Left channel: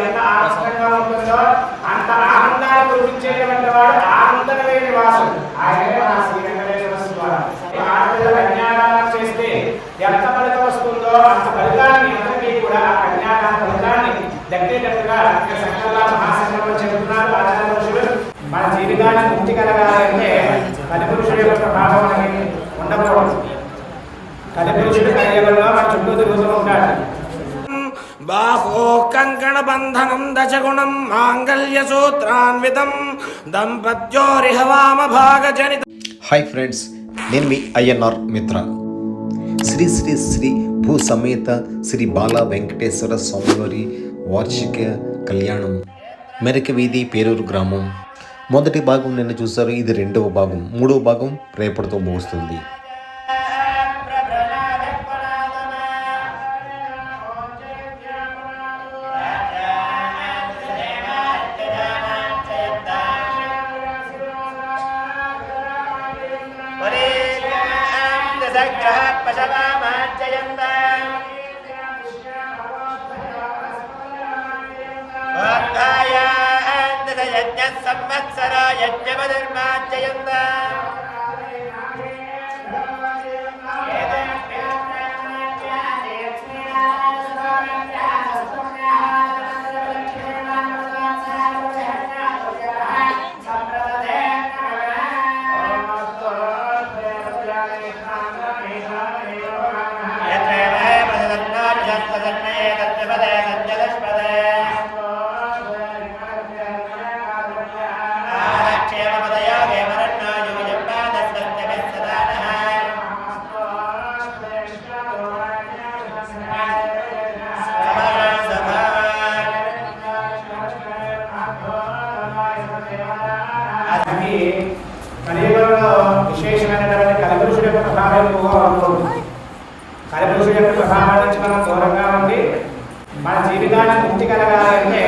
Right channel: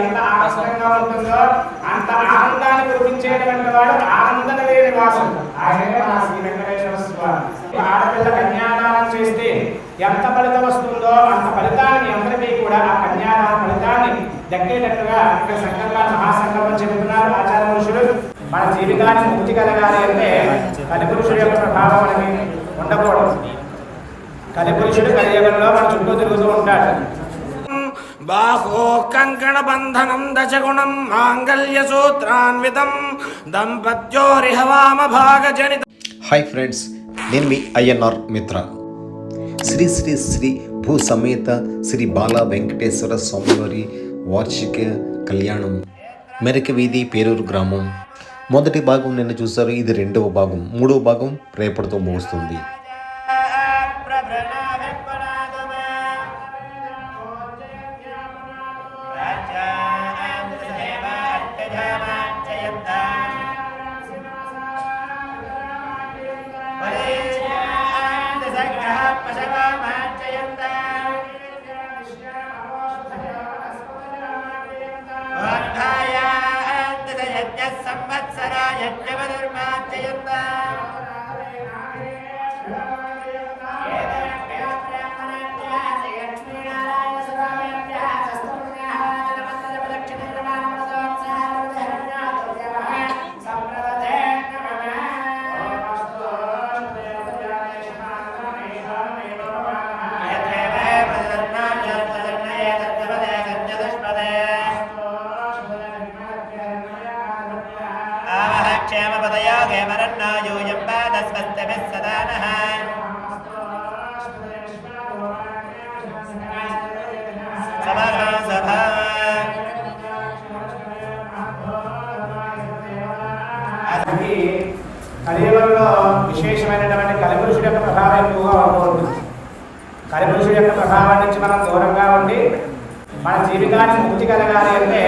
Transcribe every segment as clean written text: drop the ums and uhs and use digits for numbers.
ఎంత ఆనందంగా ఉంటుందో అంత ఆనందాన్ని కురిపించేటువంటి వాడు ఆనందనలేని వాసుడు. ఆయనే మన శ్రీ వెంకటేశ్వర స్వామి. ఆడపిల్ల కన్యాదానం చేస్తే ఎంత ఫలితం వస్తుందో అంత ఫలితాన్ని అందరికీ కూడా ఆ కన్యాదాన ఫలితాన్ని దక్కేటట్టుగా ఇక్కడ సంకల్ప మహాసంకల్పం చెబుతున్నారు ఆచార్య పురుషులు. మన జీవితాన్ని ముక్తి కలగాలి అంటే కలిపురుషుడు యొక్క ప్రభావం మనకి ఉండకూడదు. కలిపురుషుడు కలియుగంలో మన చుట్టూ తిరుగుతూ ఉంటాడు. బాహో కంకణ బంధనం దశగుణం మాంగళ్య సూత్రాన్వితం దంపత్యోరిహవామ భాగజనిత. హాయ్ ఫ్రెండ్స్, నేను మీ ఐఎన్ఆర్ మిత్ర. శ్రీ శ్రీ శ్రీ భూ సమేత శ్రీ బాలా వెంకటేశ్వర స్వామివారి వార్షిక కళ్యాణం మెరక వీధి పేరూరు గ్రామం. మొదటి భాగం నిన్న చూస్తారు, ఇది రెండవ భాగం. మూడవ భాగం రేపటితో ముగుస్తుంది. కలియుగంలో విశేషమైనటువంటి కలిపురుషుడి యొక్క ప్రభావం ఎక్కువగా ఉంటుంది. కలిపురుషుడి యొక్క ప్రభావం నుంచి మనం దూరంగా ఉండి మన జీవితాన్ని ముక్తి కలగాలి అంటే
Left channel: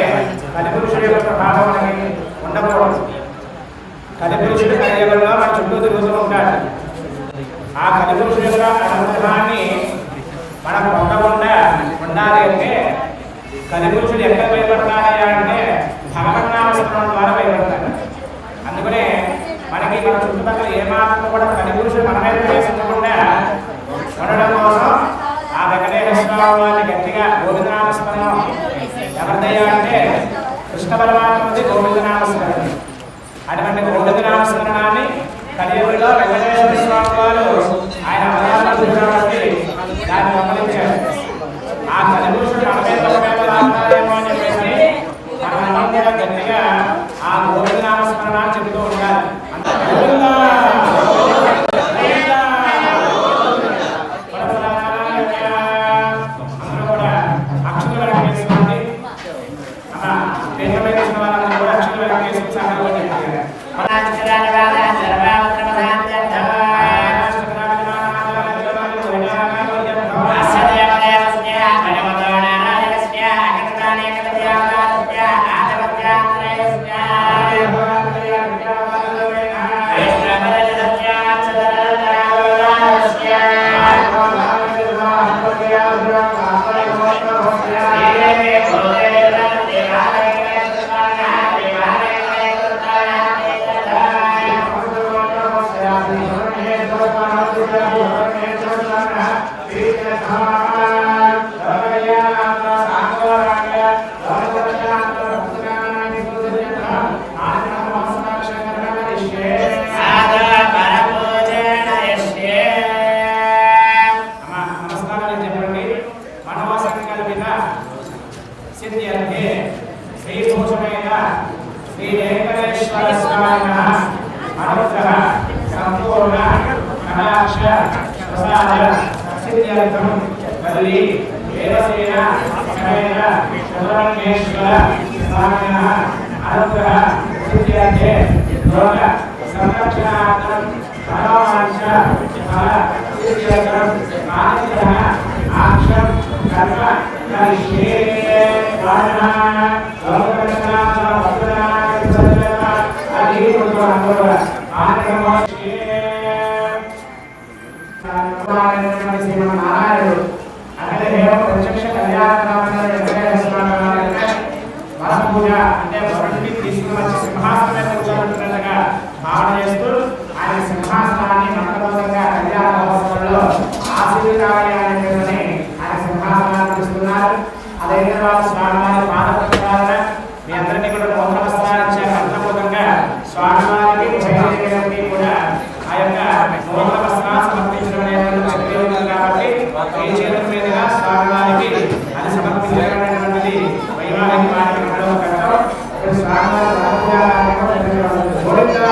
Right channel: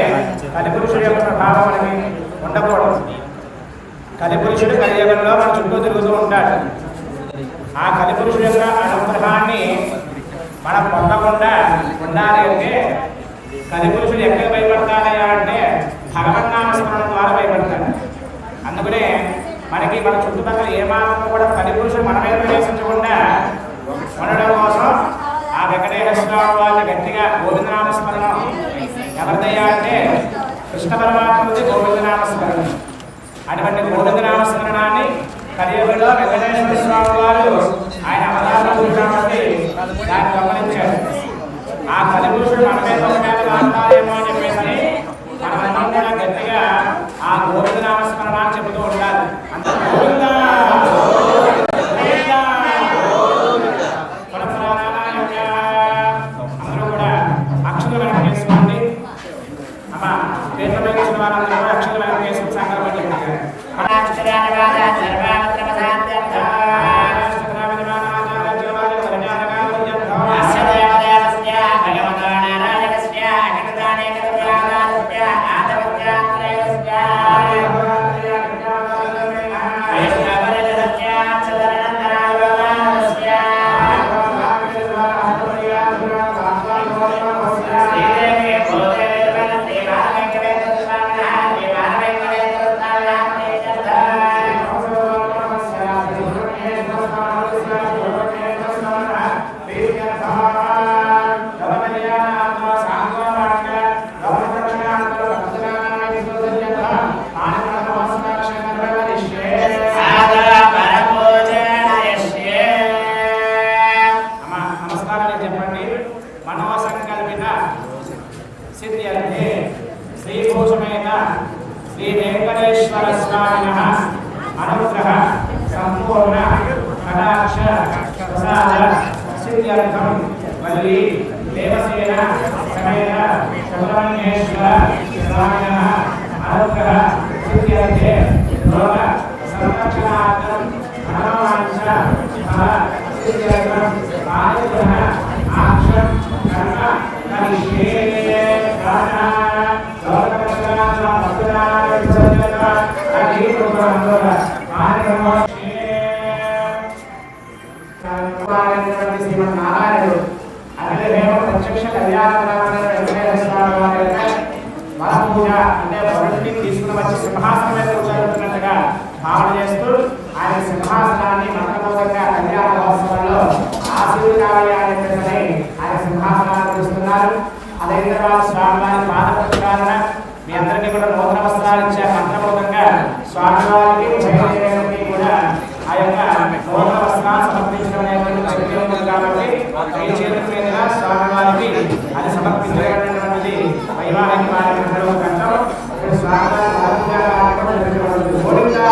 కలిపురుషుడి యొక్క ప్రభావం మనకి ఉండకూడదు. కలిపురుషుడు కలియుగంలో మన చుట్టూ తిరుగుతూ ఉంటాడు. ఆ కలిపురుషుడి యొక్క అనుగ్రహాన్ని మనం పొందకుండా ఉండాలి అంటే కలిపురుషుడు ఎక్కడ భయపడతాడయ్యా అంటే భగవన్నామస్మరణం ద్వారా భయపడతాడు. అందుకనే మనకి మన చుట్టుపక్కల ఏమాత్రం కూడా కలిపురుషుడు మన మీద ప్రవేశించకుండా ఉండడం కోసం ఆ వెంకటేశ్వర స్వామి వారిని గట్టిగా గోవిందనామస్మరణం ఎవరిదయ్యా అంటే కృష్ణ పరమాత్మది గోవిందనామస్మరణం. అటువంటి గోవిందనామస్మరణాన్ని కలియుగంలో వెంకటేశ్వర స్వామి వారు ఆయన అవతారం కాబట్టి దాన్ని గమనించాడు. ఆ కలిపురుషుడు మన మీద ఒకవేళ లాగుతారేమో అని చెప్పేసి మనమందరం కూడా గట్టిగా ఆ గోవిందనామస్మరణాన్ని చెబుతూ ఉండాలి. అంత గోవిందా గోవిందా అందరూ కూడా అక్షులు వెనక తీసుకోండి. అమ్మా దేశం మీద వచ్చిన వాళ్ళందరూ కూడా అక్షులు వెనక తీసుకుని సంకల్పం చెప్పారు. సిద్ధ్యర్థే శ్రీభూషణేన శ్రీ వెంకటేశ్వర స్వామినః అనుగ్రహ సంపూర్ణ కటాక్ష ప్రసాద సిద్ధ్యర్థం వల్లి దేవసేన సమేత సుబ్రహ్మణ్యేశ్వర స్వామినః అనుగ్రహ సిద్ధ్యర్థే లోక సంరక్షణార్థం మనోవాంఛ ఫల సిద్ధ్యర్థం అనుగ్రహ ఆక్షం కర్మ కరిష్యే. శ్రీమన్నారాయణుడు అఖిల దేవ ప్రత్యక్ష కళ్యాణ వెంకటేశ్వర స్వామి వారి పూజ అంటే వరుణ్ణి తీసుకుని వచ్చి సింహాసనం మీద కూర్చోబెట్టినట్టుగా భావన చేస్తూ ఆయన సింహాసనాన్ని మంత్రబోధంగా కళ్యాణ మహోత్సవంలో ఆశీర్వాదయ్యా అనే పేరుని ఆయన సింహాసనాన్ని పిలుస్తున్నారు. అదైన తర్వాత స్వామివారి పాద ప్రక్షాళన మీ అందరికీ కూడా నూతన వస్త్రాలు ఇచ్చే మంత్రబోధంగా స్వామివారికి ఉభయదేవులకి కూడా ఆ యొక్క నూతన వస్త్రాలు సమర్పించడం అనేది శక్తి ఉంటుంది కాబట్టి మీ చేతుల మీదుగా స్వామివారికి అది సమర్పించగలటువంటిది వైవాహిక కార్యక్రమంలో ఒక ఘట్టం. ఇప్పుడు స్వామివారి పూజా కార్యక్రమం Govinda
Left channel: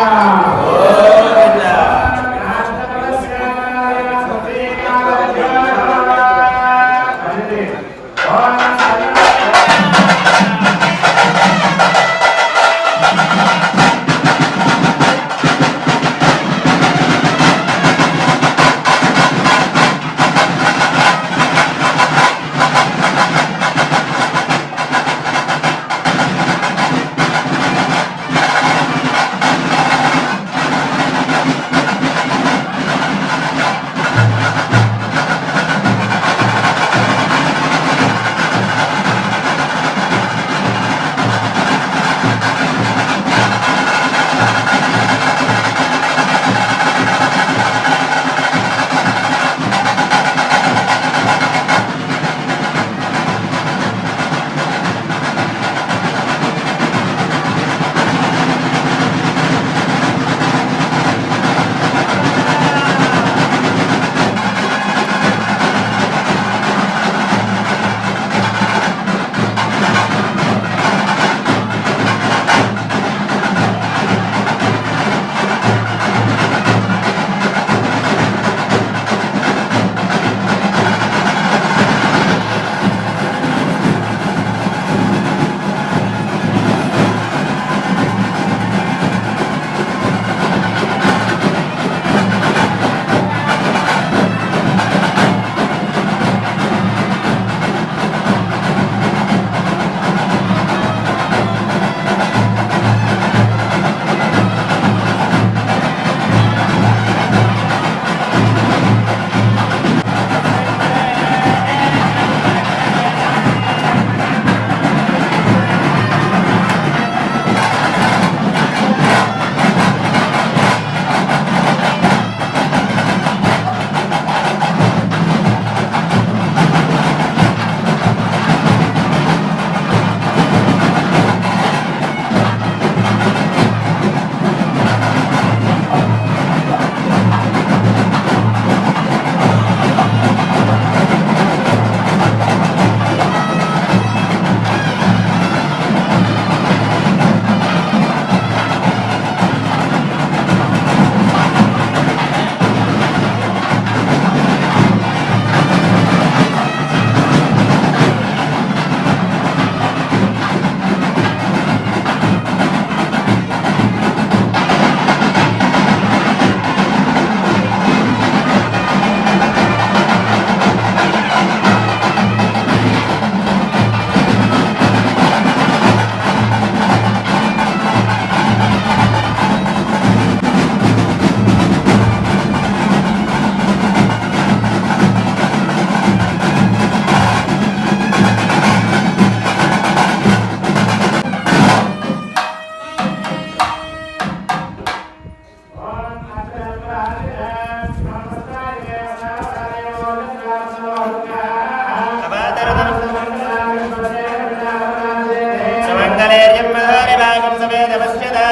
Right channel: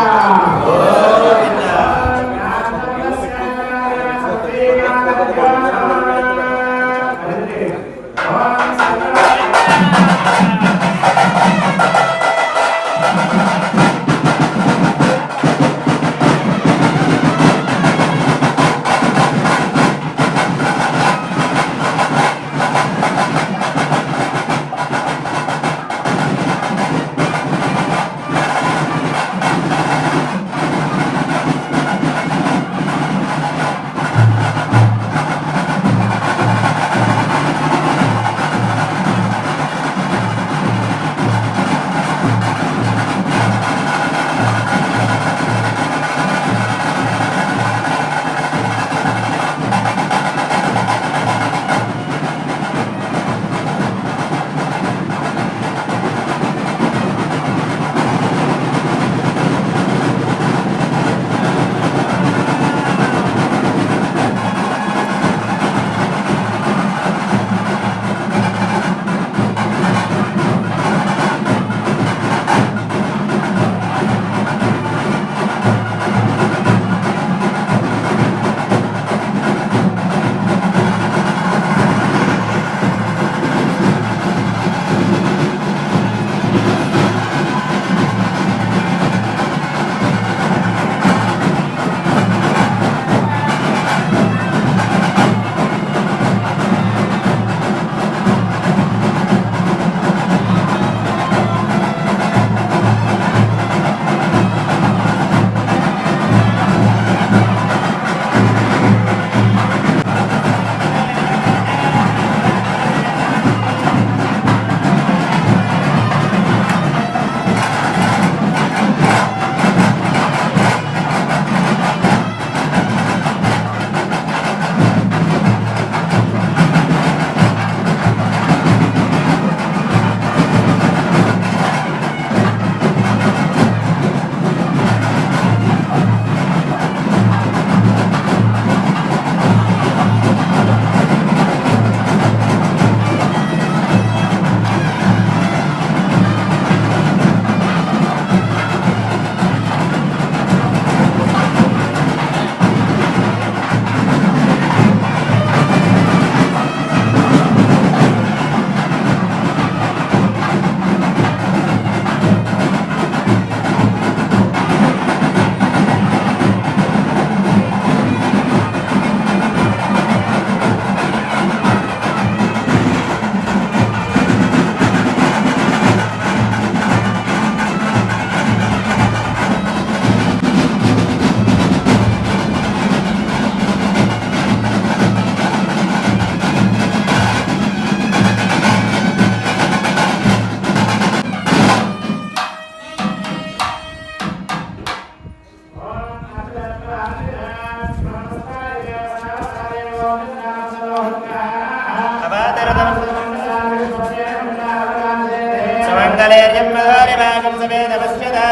Mangalerjam madhari bhagam sameda vasyada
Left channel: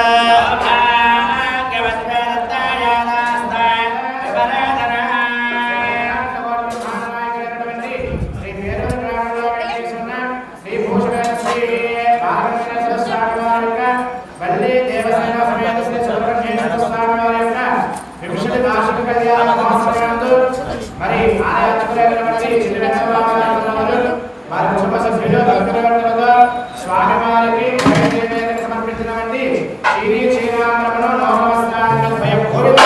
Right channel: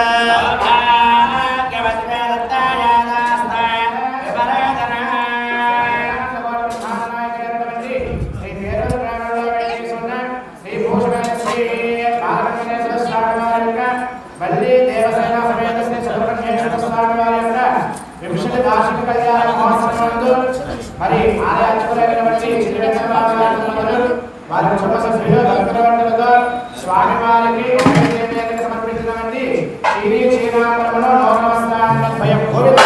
Valli Devasena సమేత శ్రీ చతుర్వేశ్వర స్వామి వారి యొక్క వింశతి వార్షిక కళ్యాణ మహోత్సవంలో మరి ఆలయాచుకునేటువంటి వారి కుటుంబ సభ్యులు భక్తులతో స్వామివారికి సమర్పించినటువంటి శ్రీ క్షేమాంతరములో లోకవస్త్రాలను భయం గోవింద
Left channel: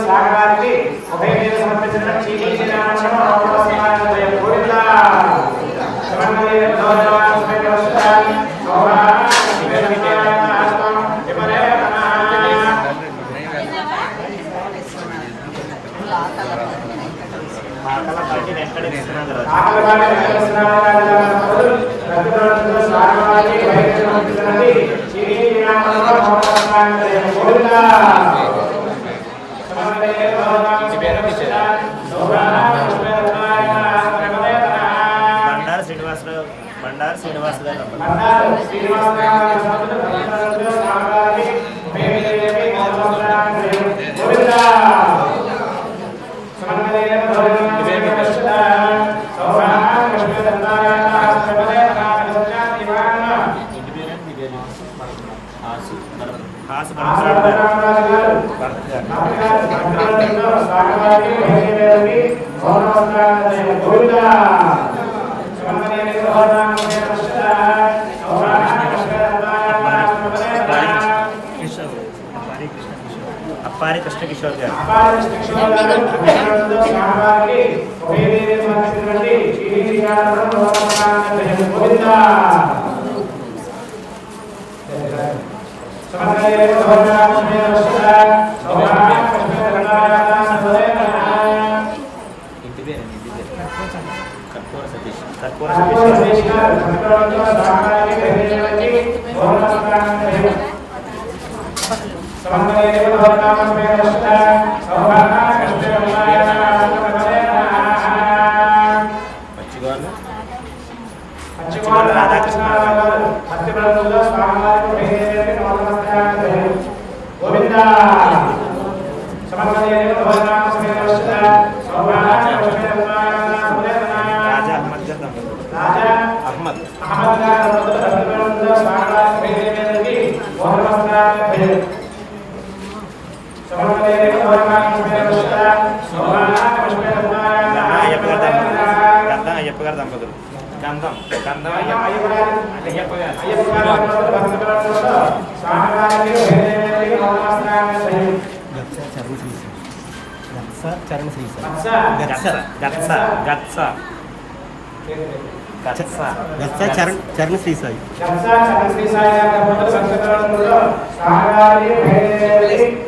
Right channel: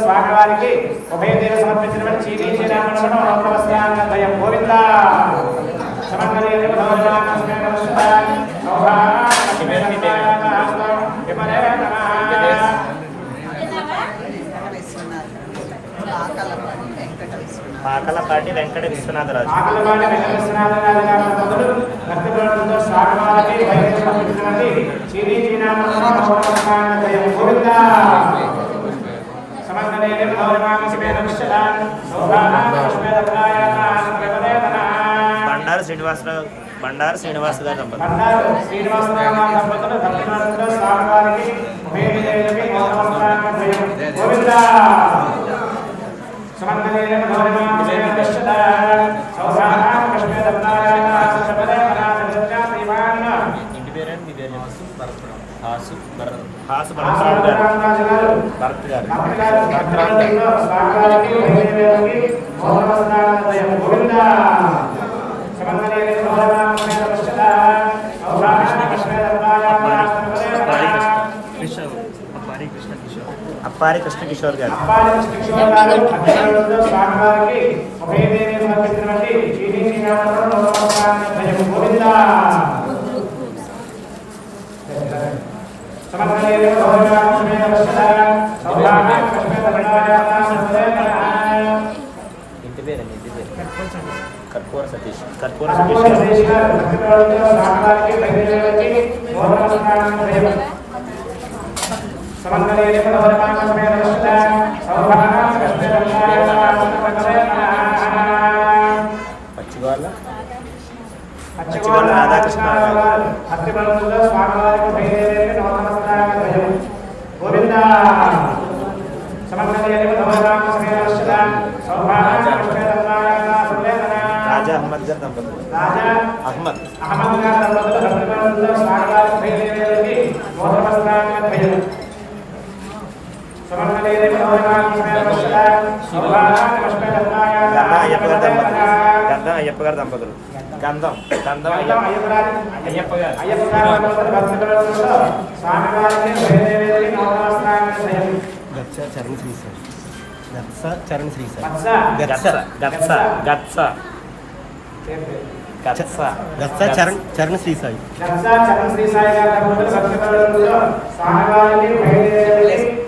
స్వాగతానికి ఉభయ సమర్పించిన గోవిందా బండారు శ్రీనివాసరావు అప్పారి కృష్ణ కిషోర్ గారు ఇంటి పేరు కర్పూర సతీష్ పచ్చిగోళ్ళ రాధాకృష్ణ రాజా అహ్మద్ గారు అహ్మద్ గంధం అయ్యప్ప గారి దంపతులు గంధం అయ్యప్ప గారు చరణ్ శ్రీ చరణ్ శ్రీ సాయి Yeah.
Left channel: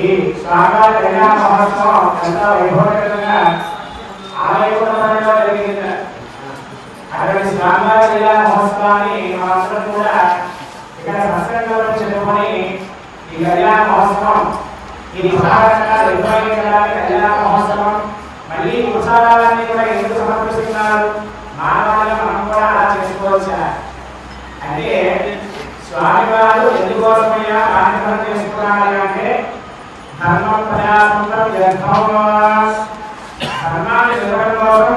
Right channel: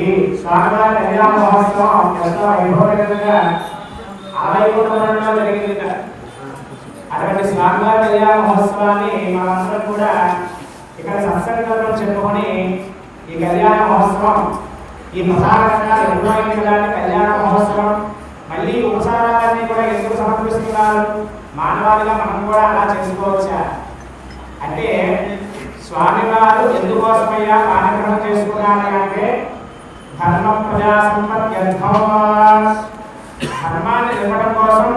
ఈ స్వామివారి కళ్యాణ మహోత్సవం ఎంతో వైభవంగా ఆలయంలో జరిగింది. అటువంటి స్వామివారి కళ్యాణ మహోత్సవాన్ని మనందరం కూడా ఇక్కడ సంస్కృతంలో చెప్పుకొని ఈ కళ్యాణ మహోత్సవం ఈ మహారాష్ట్ర నిర్వహించడానికి కళ్యాణ మహోత్సవం మళ్ళీ ఉత్సవాలన్నీ కూడా ఎందుకు సమర్పిస్తున్నారు? మానవాళిగా మనం కూడా అలా చేసుకోవచ్చా అంటే స్వామివారు ఎందుకోసమయ్యా కార్యక్రమం చేసుకున్నారని అంటే ధర్మ ప్రజా ధర్మాన్ని నిలవడం కోసం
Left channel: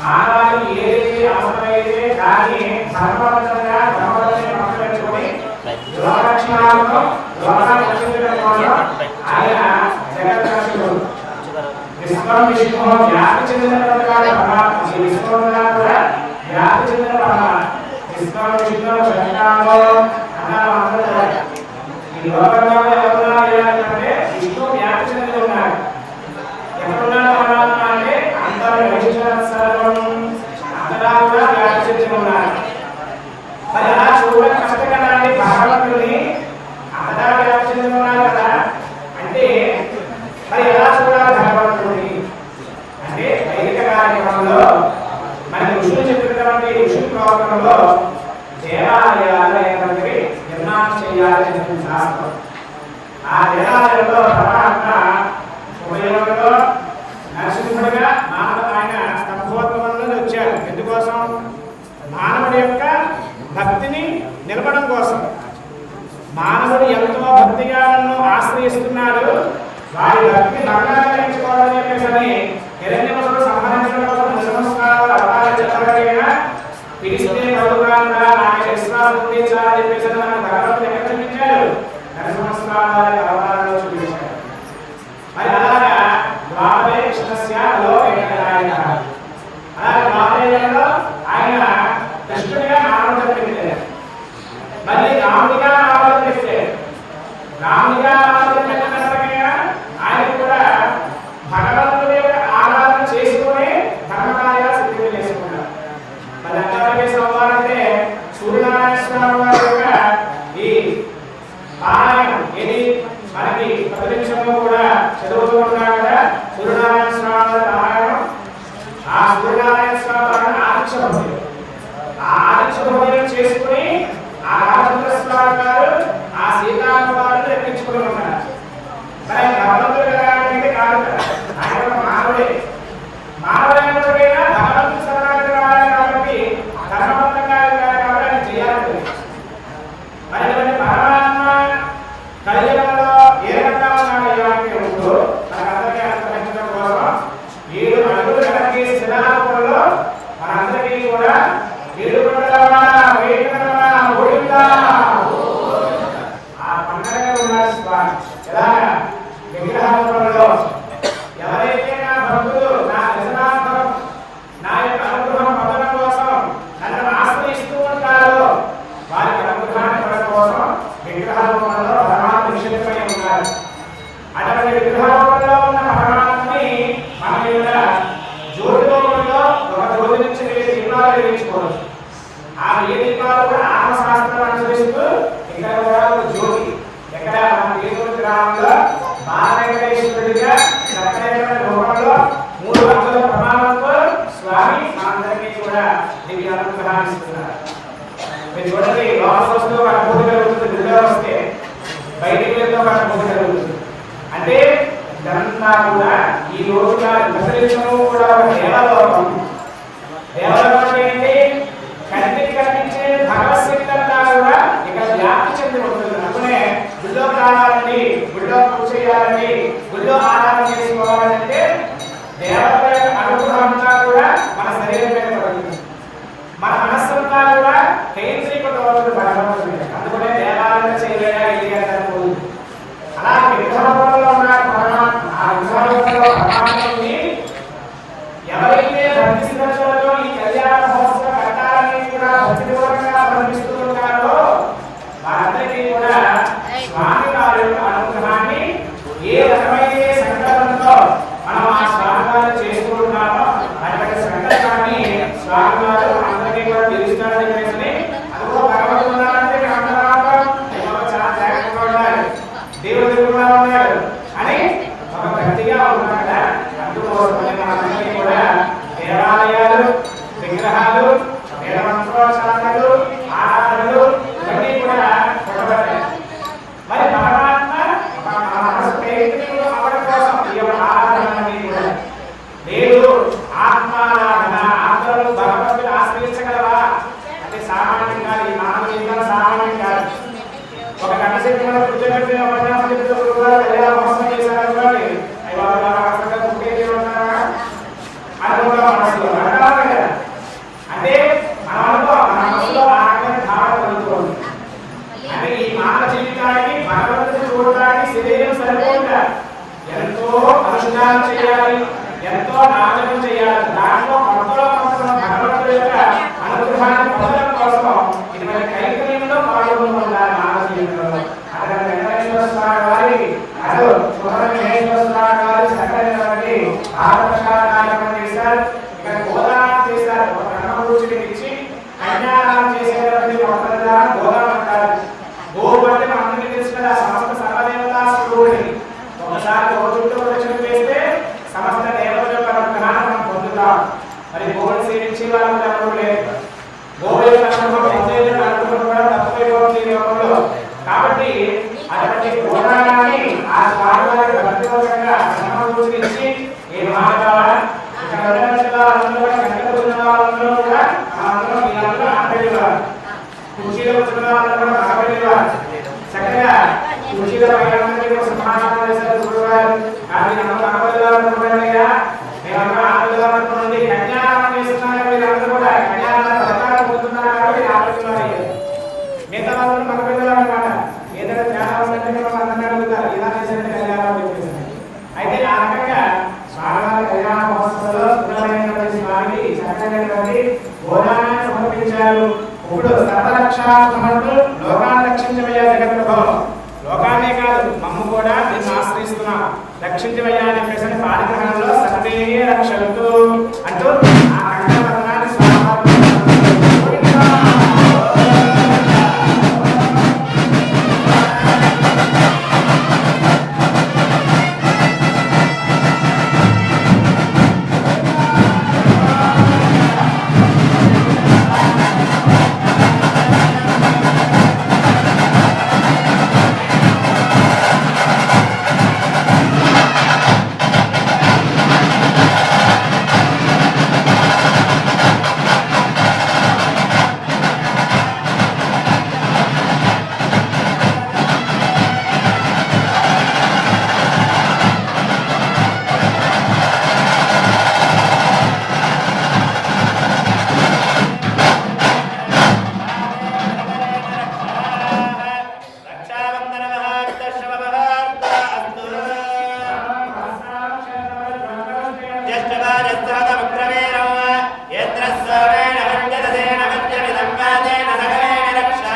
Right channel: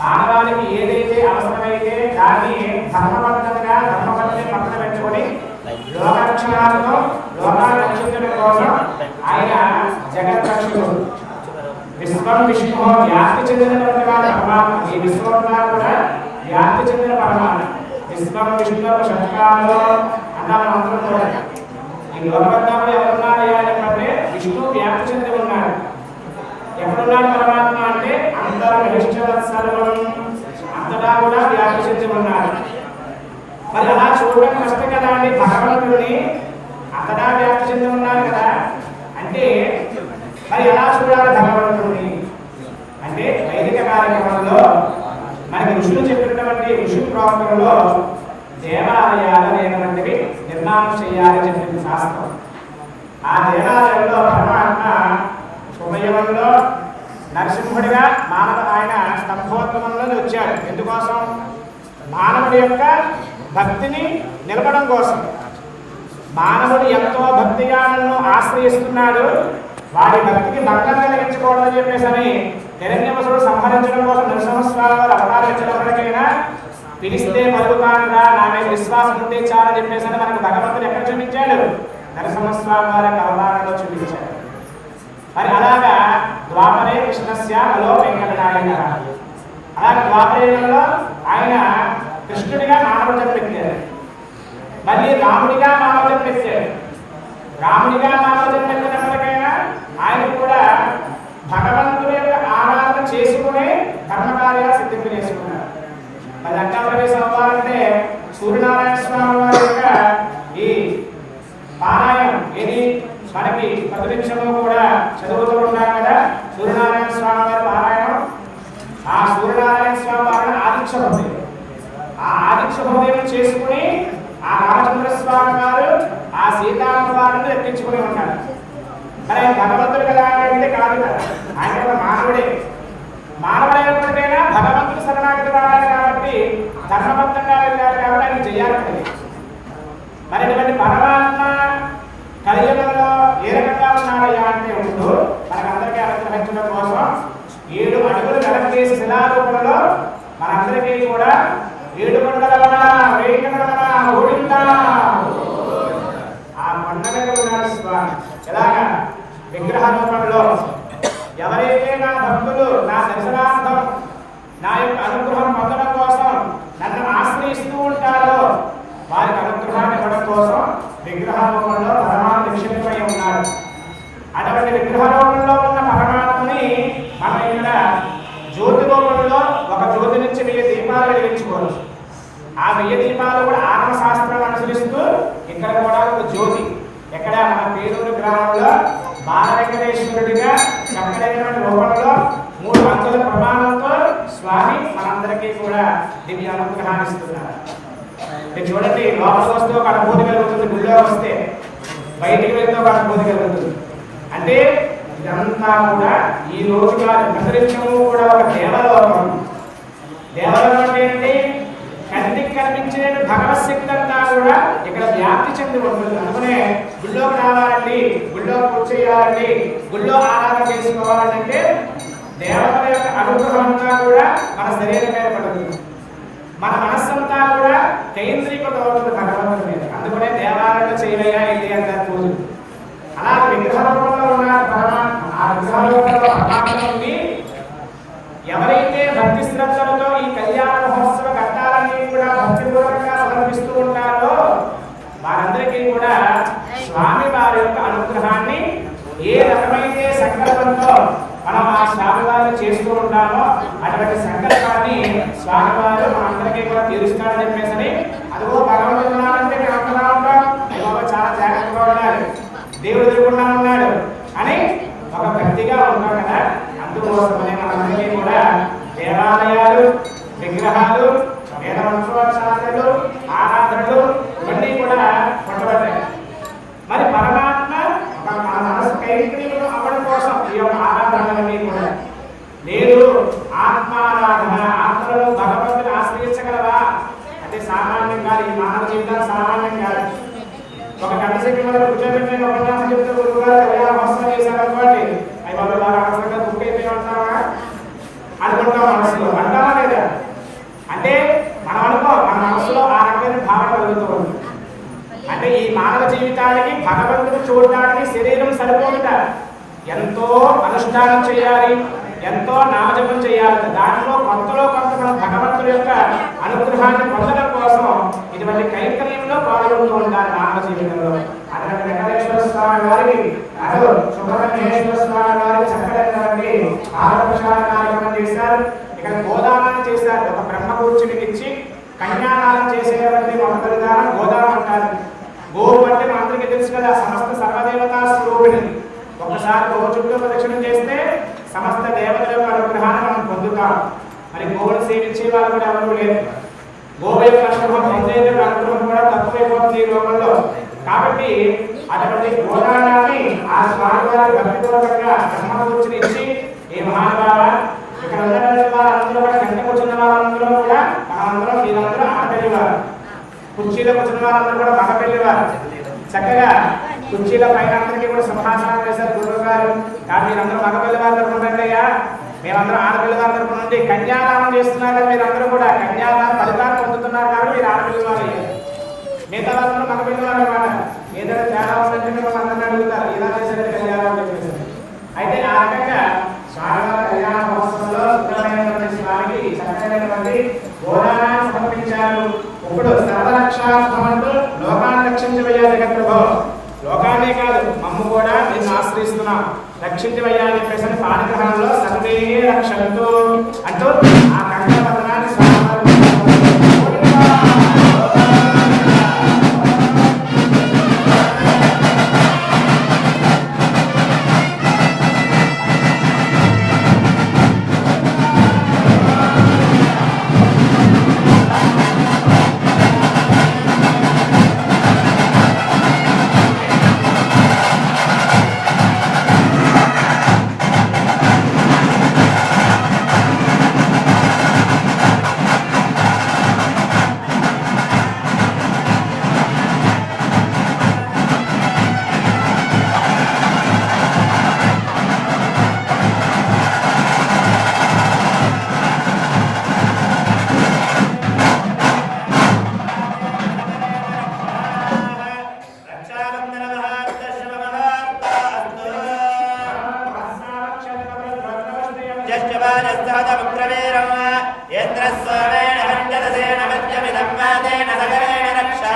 మానవాళికి ఏదైతే అవసరమైతే దాన్ని ధర్మబద్ధంగా ధర్మబద్ధంగా పక్కన పెట్టుకుని లోకరక్షణలో లోకాలు రక్షించడం కోసం ఆయన జగద్రక్షకుడు. విశ్వం విష్ణు వ్యాప్తి చెందినటువంటి పరమాత్మ. ఈ విశ్వంలో కూడా వ్యాప్తి చెందిన పరమాత్మ. విశ్వం విష్ణు శంకాలు అన్నారు అందరూ. ఈ లోకంలో ఎవరున్నారు అంటే విష్ణు వ్యాప్తి చెంది ఉన్నారు. ఎక్కడున్నాడు పరమాత్మ అంటే అంతటా కూడా వ్యాప్తి చెంది ఉన్నారు. మరి అలా చూడడం కష్టం కదా అండి. భగవంతుడిని అంతటా వ్యాప్తి చెంది ఉన్నారు కదా అంటే మరి ఎలా చూడాలి భగవంతుడిని అంటే వైదిక కార్యక్రమంలో మనకి ఋషులు చెప్పినటువంటి ఋషి ప్రోగ్రాంలో దేవాలయాలు అనేటువంటివి నిర్మాణం చేయాలని చెప్పిన శాస్త్రం. ఆ దేవాలయంలో పరమాత్మ ఉభయంలో నరసింహుడిగా ఆయన స్తంభోద్గమంలో వచ్చాడు. ఎందుకోసం? మానవుడి యొక్క భక్తిని నిలపడం కోసం. మానవుడు ఎంతో భక్తిగా నన్ను ఆశ్రయిస్తున్నాడు, వాడి భక్తికి భంగం కలిగించుకోవాలని చెప్పేసి హిరణ్యకశిపుడు సంహరించడం కోసం నరసింహస్వామి అవతారించినప్పటికైనా పిలిస్తే పలుకానుగా నా మీద విశ్వాసం ఉంది చాలని చెప్పేసి మనకు భగవంతుడు ఎక్కడ చూపించాడు? నరసింహస్వామి వారి అవతారంలో చూపించాడు. మరి అలాగా ద్వాపరే కృష్ణస్య అలో వెంకటనారాయణ. అలాగే ద్వాపరేయుగంలో ఆయన కృష్ణుడిగా మానవుడిగా పెట్టాడు. మళ్ళీ రాముడిగా మానవుడిగా పెట్టాడు. రాముడిగా మానవుడిగా పెట్టినప్పటికైనా ఆయన కూడా భగవంతుడి యొక్క ఆరాధన చేసుకుని ధర్మకార్యాలు సిద్ధింప చేసుకున్నారు. మరి అంగారవేశ అవ్వాలంటే సూర్యనారాయణ స్వామి వారి యొక్క ఈ పారాయణం ఇది మనకి ప్రతినిత్యము కూడా చదువుతూ ఉంటాం కదా. సూర్యనారాయణ స్వామి వారి పారాయణం. ఆ సూర్యనారాయణ స్వామి వారిని ఆదిత్య హృదయం. ఆ ఆదిత్య హృదయం చేసుకుని ఆ రామచంద్ర స్వామి గారు ఆ సీతారామ వారిని ఎక్కించుకుని ఉన్నారు. మరి భగవంతుడు కదా అంటే కాదు కదా, ఆయన ఒక మానవుడే. మానవుడైనప్పుడైనా భగవంతుడు శరణాగతి వాడాలి కాబట్టి ధర్మబద్ధంగా వెళ్ళాలి కాబట్టి ఆయన చేయాలి. మరి ఇటువంటి పరమాత్మ కలియుగంలో ఏ రకంగా ఉన్నాడయ్యా అంటే ఉంటూ మనకందరికీ అనుగ్రహించడం కోసం 7 అడుగులు వెనకేసి శిలారూపంలో మనందరికీ కూడా 7 కొండల ఓడిందా ఆ పండుగ ఉన్నాడు స్వామి. ఎలాగా విగ్రహ రూపంలో ఎవరైతే నా భక్తులు నా దర్శనార్థం నా యొక్క అనుగ్రహం పొందడం కోసం నన్ను ఆశ్రయిస్తూ ఉంటారో వారికి అనుగ్రహాన్ని ఇవ్వడం కోసం విగ్రహ రూపంలో పరమాత్మ నిక్షిప్తమై ఉన్నాడు. అటువంటి విగ్రహ రూపంలో ఉన్న పరమాత్మని మన యొక్క జ్యోతి రూపంలో ఒక జ్యోతి నుంచి 1000 దీపాలు వెలిగించుకోవచ్చు. ఆ 1000 దీపాలు కూడా ఆత్మశాస్త్రం అనుసరిస్తూ ఇక్కడ కూడా ఒక జ్యోతి ఎక్కడ మన పేదూరు గ్రామంలో బాలవెంకటేశ్వరుడిగా చక్కనైనటువంటి రూపంలో 3 భక్తుల ప్రమాణంతో స్వామి మనందరికీ కూడా దివ్య అనుగ్రహాన్ని ఇస్తున్నారు. మీరు చూడండి, లోపల వస్తే ఒక అనుభూతి కలుగుతుంది, గుళ్ళో వస్తే బయటికి వెళ్తే ఒక అనుభూతి కలుగుతుంది. అంటే ఇదంతా కూడా ఈ రోజుగా ప్రసరించము కూడా ఒక దేవలోకం. దేవలోకం అంటే ఏంటి? కంటికి కనిపించిన భగవశక్తి అంతా కూడా ఇక్కడ వ్యాప్తి చెంది ఉంటుంది. అందుకనే గుళ్ళోకి రావాలండి, గుళ్ళో పూజ చేయాలండి, గుళ్ళో ఆరాధన చేసుకోవాలని అంటే దేవతల యొక్క అనుగ్రహం అంతా కూడా మన శరీరం మీద పడుతుంది. మన మనస్సంతా కూడా కేంద్రీకృతం అవుతుంది భగవంతుడి మీద. అందుకనే దేవాలయంలో చేయవయ్యా ఏంటి అంటారు. అలా విగ్రహ రూపంలో ఉన్న పరమాత్మ, ఆ విగ్రహ రూపంలో పరమాత్మ నుండి ఎవరైతే భక్తి శ్రద్ధలతో ఈ కళ్యాణ మహోత్సవ ఘట్టాలన్నీ కూడా భక్తిపూర్వకంగా సమర్పిస్తూ ఉంటారో వారందరికీ కూడా స్వామి వారి యొక్క అనుగ్రహాన్ని ఏ రకమైతే సంకల్పంతో మనం ఆ స్వామి వారిని చేస్తూ ఉంటామో అటువంటి సంకల్పాన్ని స్వామి వారు మనందరికీ కూడా తీరుస్తారని చెప్పేసి అదిగో భగవంతుడు ఉన్నాడంటే అయ్యో చాలా జాగ్రత్తగా ఉండాలి, దేవుడు దేవుడుగా ఉన్నాడు అని ఒక భక్తిగా ఉన్నాం కదా. అందుకోసమనే మనందరికీ కూడా దేవాలయాలు, విగ్రహాలు, వేద మంత్రోచ్చారణలు, ఆరాధనలు ఇవన్నీ కూడా కొట్టబడ్డాయి. మరి పరమాత్మ మన మనసు కైంకర్యం అవ్వడం కోసం ఈ యొక్క ఆరాధనలన్నీ కూడా లేదు. ఆత్మారాధన, ఆత్మలో భగవంతుని ఆశ్రయించగలవా అంటే సామాన్యం కాదు. ఈ మానవ జీవితాన్ని సామాన్యం కాదు. ఒక గంట సేపు మనం కూర్చోబెట్టిన ఉపన్యాసం చెప్తే గురువుగారు కళ్యాణ మహోత్సవం చేశారనుకోండి, అవి వాళ్ళు అవసరంగా బుక్ అయిపోయి అనుకుంటాం మనసులో. అంటారా లేదా? అంటే మనం అనుకో మన మనసులో ఆ రకమైన భావన కలుగుతుంది. అంటే ఈ మానవ జీవితానికి భగవంతుడు చూడడానికి శరీరం సరిపోతుందా? ఎంతో అనుష్ఠానం చేయాలి, ఎంతో నామజపం చేయాలి. దాంట్లో కొంతలో కొంత మనం భగవంతుడి యొక్క అనుగ్రహాన్ని పొందడం కోసం ఇటువంటి కైంకర్యంలో పాల్గొంటూ ఉండాలి మానవ జీవితంలో. అక్కడ వెంకటేశ్వర స్వామి వారికి అసలు సుబ్రహ్మణ్యేశ్వర స్వామి వారు చక్కనైనటువంటి కార్యక్రమం చేశారు. ఇక్కడ గోదానం చేశారు. ఒక బ్రహ్మపురుషుడికి ఇచ్చి కన్యాదానం చేసేటువంటి మొదటి దానం గోదానం అంటారు. గోవు అంటే మనందరికీ తెలుసు కదా, సమస్త సర్వదేవతా స్వరూపిణి. ఒకసారి గోవు చుట్టూ ప్రదక్షిణం చేస్తే సమస్త దేవతల యొక్క అనుగ్రహాన్ని మనం పొందుతాం. మరి గోవుని సేవించే వాళ్ళు కూడా ఎవరు లేదు. గోవు యొక్క అనుగ్రహం పొందేందుకు అనుగ్రహం కూడా తక్కువైపోతుంది ఈ లోకంలో. కాబట్టి అటువంటి గోదానాన్ని ఆ స్వామివారి భక్తిపూర్వకంగా బ్రహ్మపురుషుని ఇచ్చి ఏ మహానుభావ ఇక్కడ ఉన్నటువంటి వాళ్ళందరూ కూడా గంట కూర్చున్న వాళ్ళందరూ కూడా మనందరం వీళ్ళందరూ ఆడపిల్లివారు, కుర్చీలో కూర్చున్న వాళ్ళందరూ కూడా మగపిల్లివారు. చక్కగా కుర్చీల పైన అందరికీ కూడా సింహాసనం చేశారు గురువుగారు. కానీ అందరూ మగపిల్లివారు అనుకుంటారయ్యా, మేమందరం ఆడపిల్లివారు అనుకున్నది. కన్యాదానం చేస్తున్నారు మీరు అందరూ కూడా కన్యాదాన పథకాన్ని పొందుతున్నారు కాబట్టి మీరు ఆడపిల్లివారు అయ్యారు. మిగతా వాళ్ళందరూ మగపిల్లివారు కాదు. ఏదైనా తేడా ఉందంటే అందరినీ అడుగుతారు, ఇలా చేసే కళ్యాణం చెప్పేసి. అయితే ఆ రకంగా స్వామివారి కళ్యాణ మహోత్సవంలో స్వామికి చక్కనైనటువంటి గోదానాన్ని సమర్పించారు. ఇప్పుడు సర్వరక్షాత్మకుడు లోకాన్ని రక్షించవయ్యా జగద్ప్రభో, లోకాన్నే కాదు మమ్ము కూడా నిన్ను ఆశ్రయిస్తున్నాం, రక్షించవయ్యా అని చెప్పేసి పాఠగ్రహంలో సర్వే రక్షంతు అంటూ ఆ కంకణ పత్రాన్ని స్వామివారు ज्येष्ठवाजस्तहतमुग्रमेरौ यत्र सोमेण पञ्चदशेन पञ्चमिदं वादेन सकलेन रक्षा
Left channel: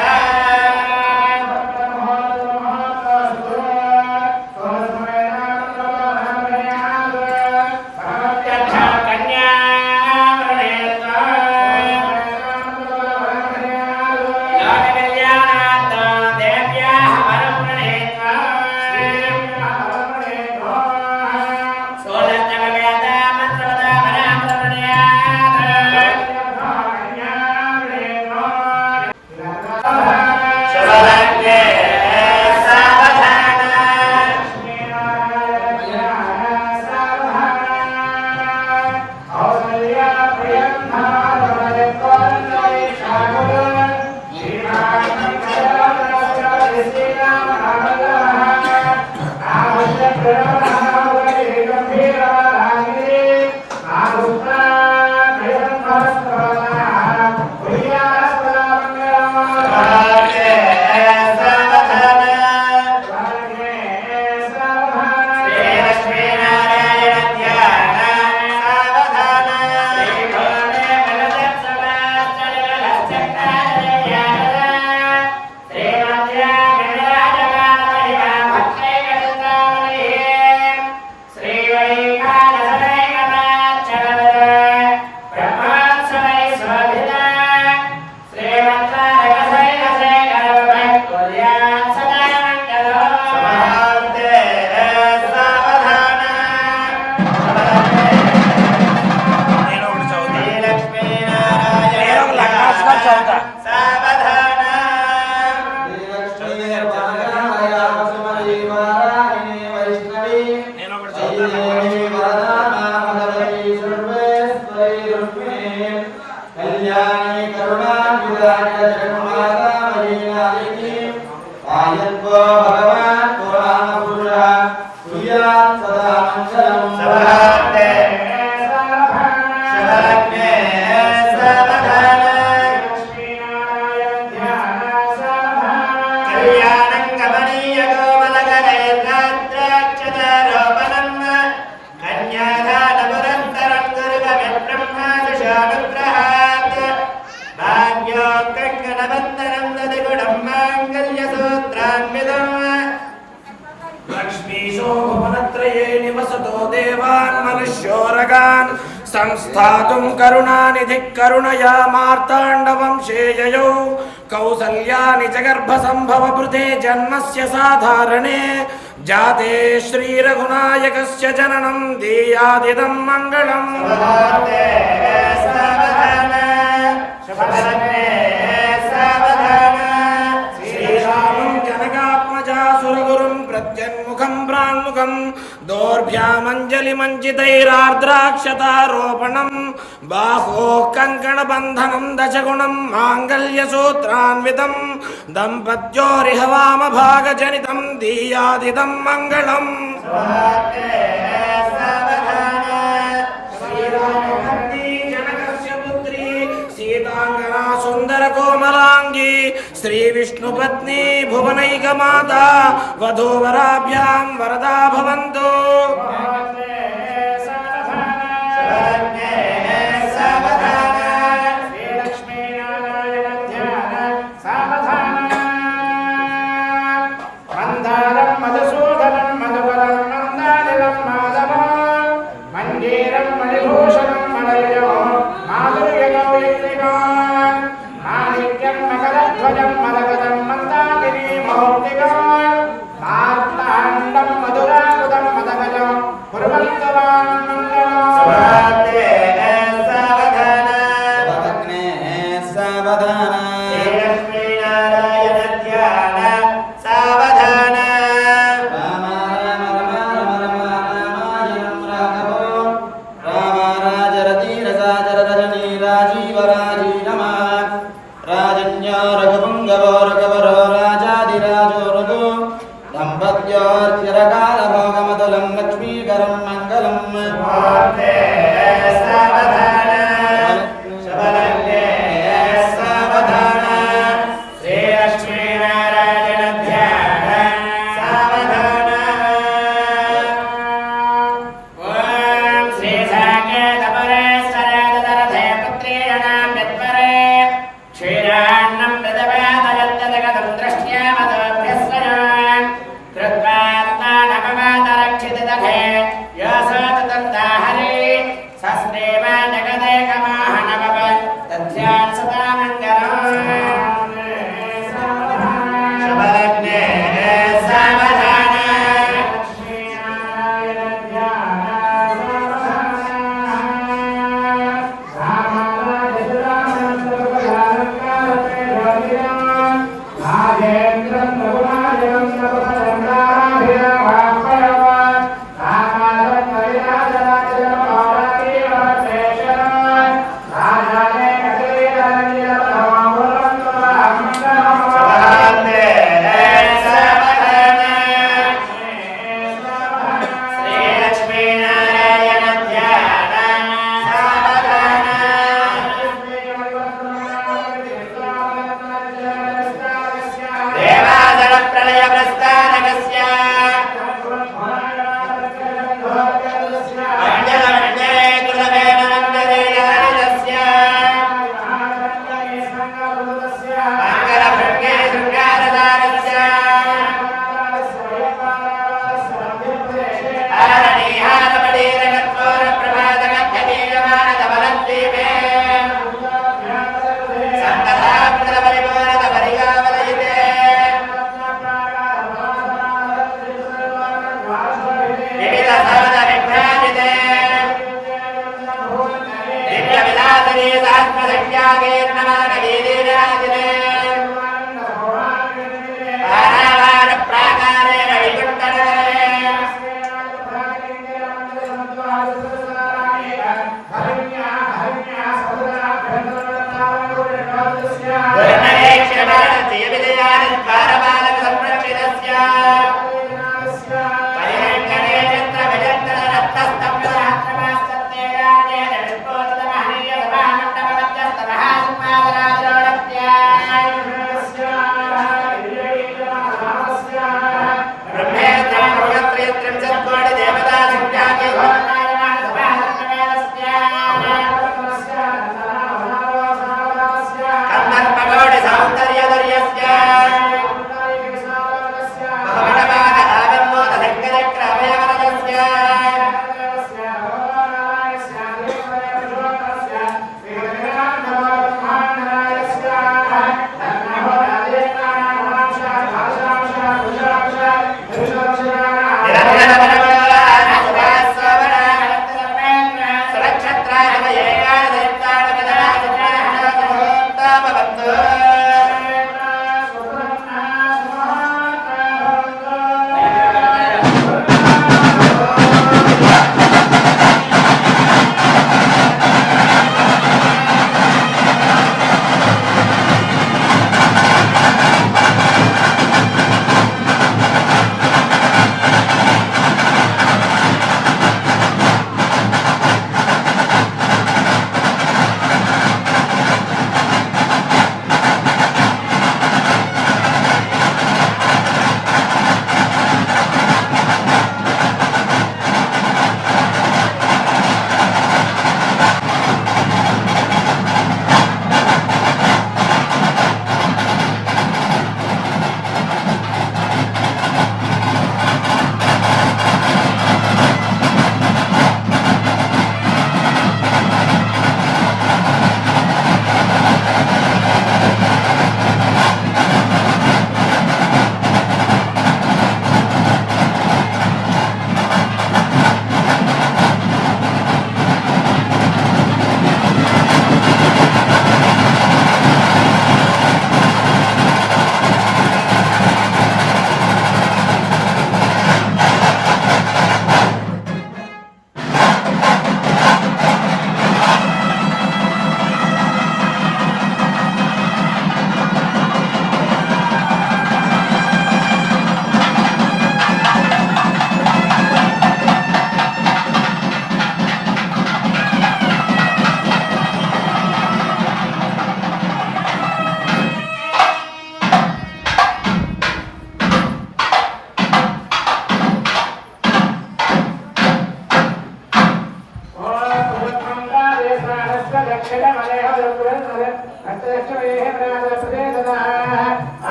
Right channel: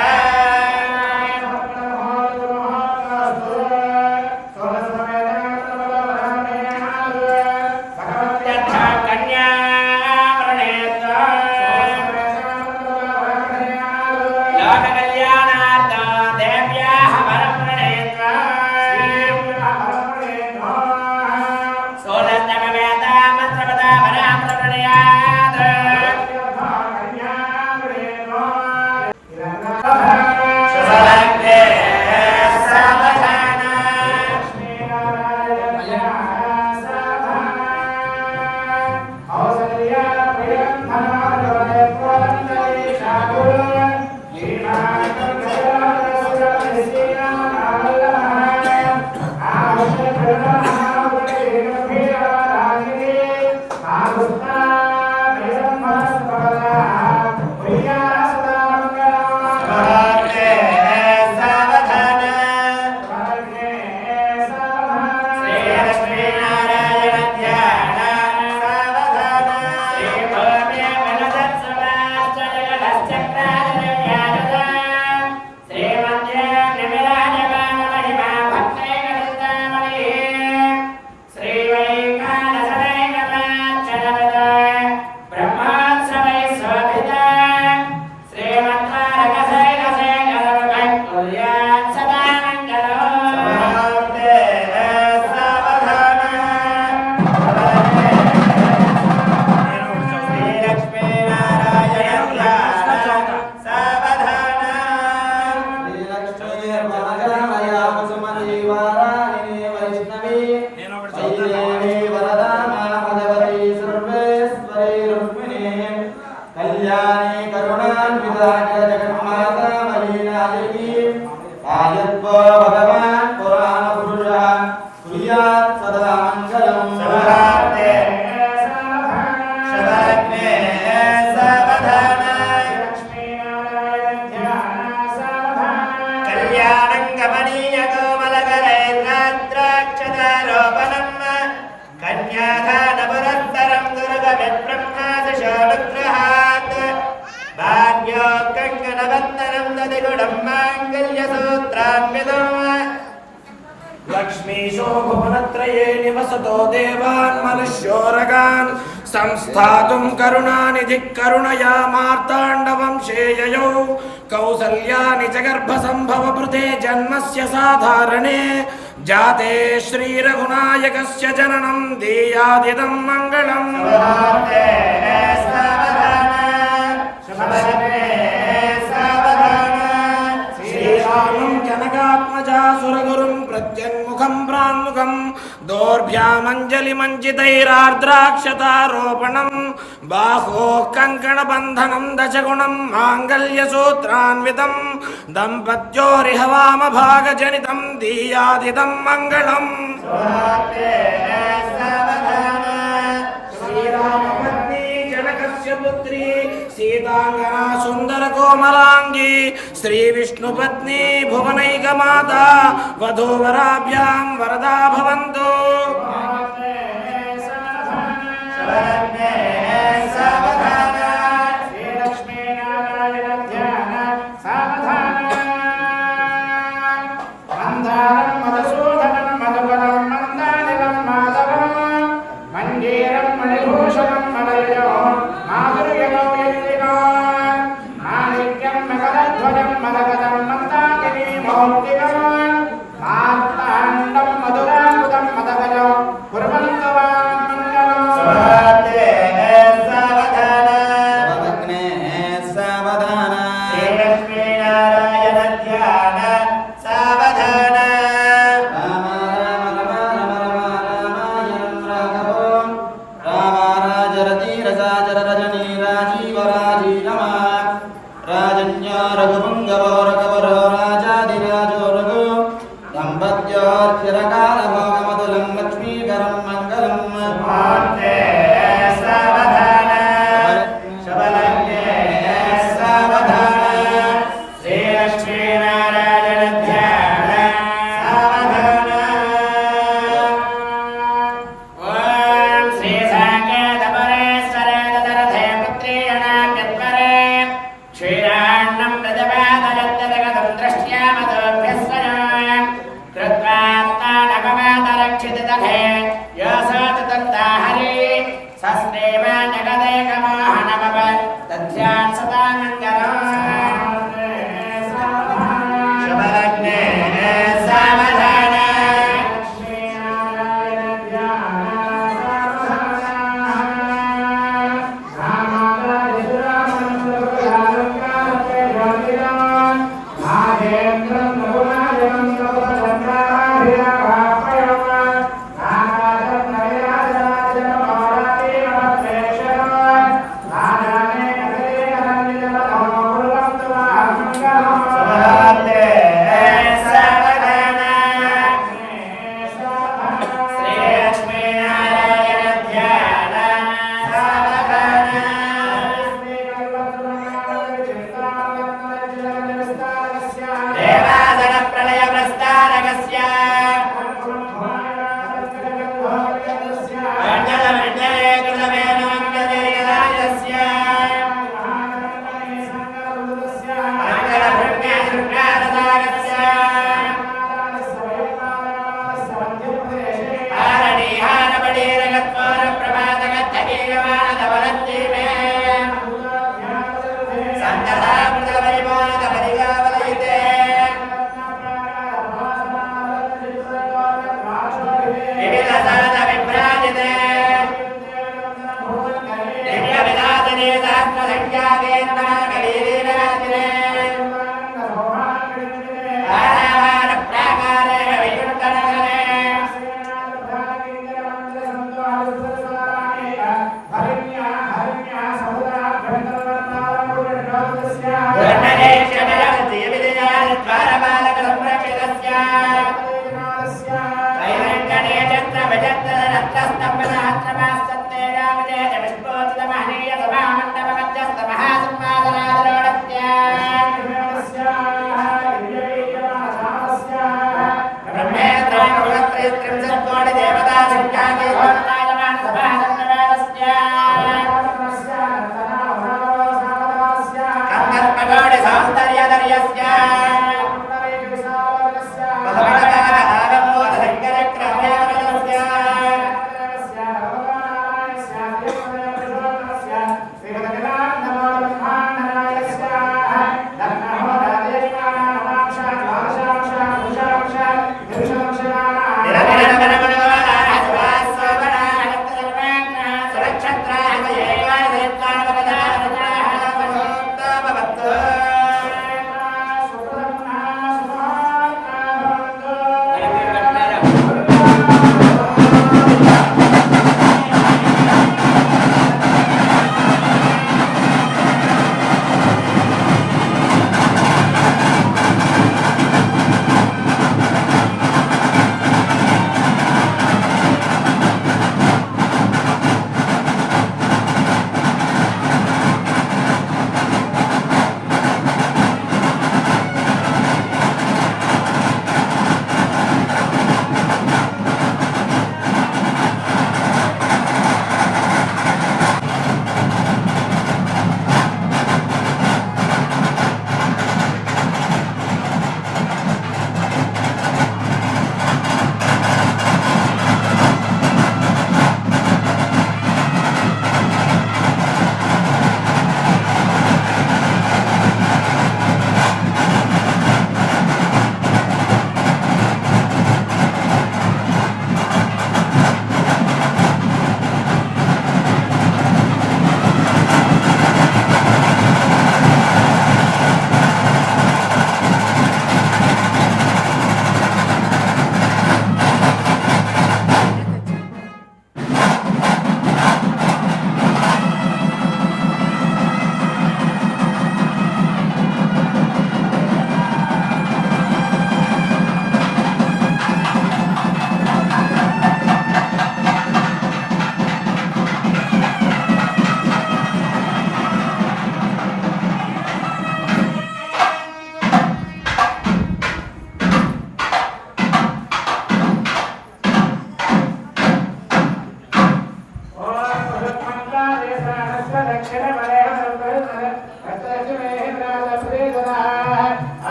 लक्ष्मीशोभुवनत्रये निवसतो देवान् मनुष्योरगान् संस्थातुं करुणानिधिः करुणया मार्ताण्डवंशे ययौ कौसल्यानि च गर्भसम्भवभृते जन्मस्य साधारणे जाते श्रीरघुनायकस्य जननं दीयादिदं मङ्गलम् जनकात्मजा सुरगुरुं प्रत्यन्मुखं प्राङ्मुखं दोर्भ्यामञ्जलिमञ्जितैरार्द्राक्षतारोपणं बाहोः कङ्कणबन्धनं दशगुणं माङ्गल्यसूत्रान्वितं दम्पत्योरिह वामभागजनितं दीयादिदं मङ्गलम् सीतांगना सुंदर कोमलांगी श्री विष्णुपत्नी भुवनैकमाता वधूवराभ्यां वरदा भवन्तु। मंजीरं मणिभूषणं मणियो माधुर्यमो यत्रिको माणिक्यं मकरध्वजं मदगदं मन्दाकिनीमौक्तिकं मार्ताण्डं मधुरामुदं मदगजं कुर्वन्तु वां मङ्गलम्। सावधान श्रीलक्ष्मीनारायण ध्यान सावधान राजन्यो रघुपुङ्गवो रघुवरो राजाधिराजो रघु दम्पत्योर्चिरकालभोगमतुलं लक्ष्मीकरं मङ्गलम्। सावधान सावधान श्रीलक्ष्मीनारायण ध्यान सावधान। ॐ श्री दक्षितदधे योऽसोतदत्ता हरि सस्नेव जगदेकमाहनवव दध्यात् सदा मङ्गलम् शुभलग्ने सावधान प्रलय प्रस्तारकस्य मण्डलमण्डले कुलमेव मण्डलेयस्य मङ्गलभृङ्गे शृङ्गारदारस्य आरणीहारपडीरकत्वरप्रभातकद्धवीयमानदवलद्वीपे सङ्गतामृतपरिपूर्णपरिगावलयिते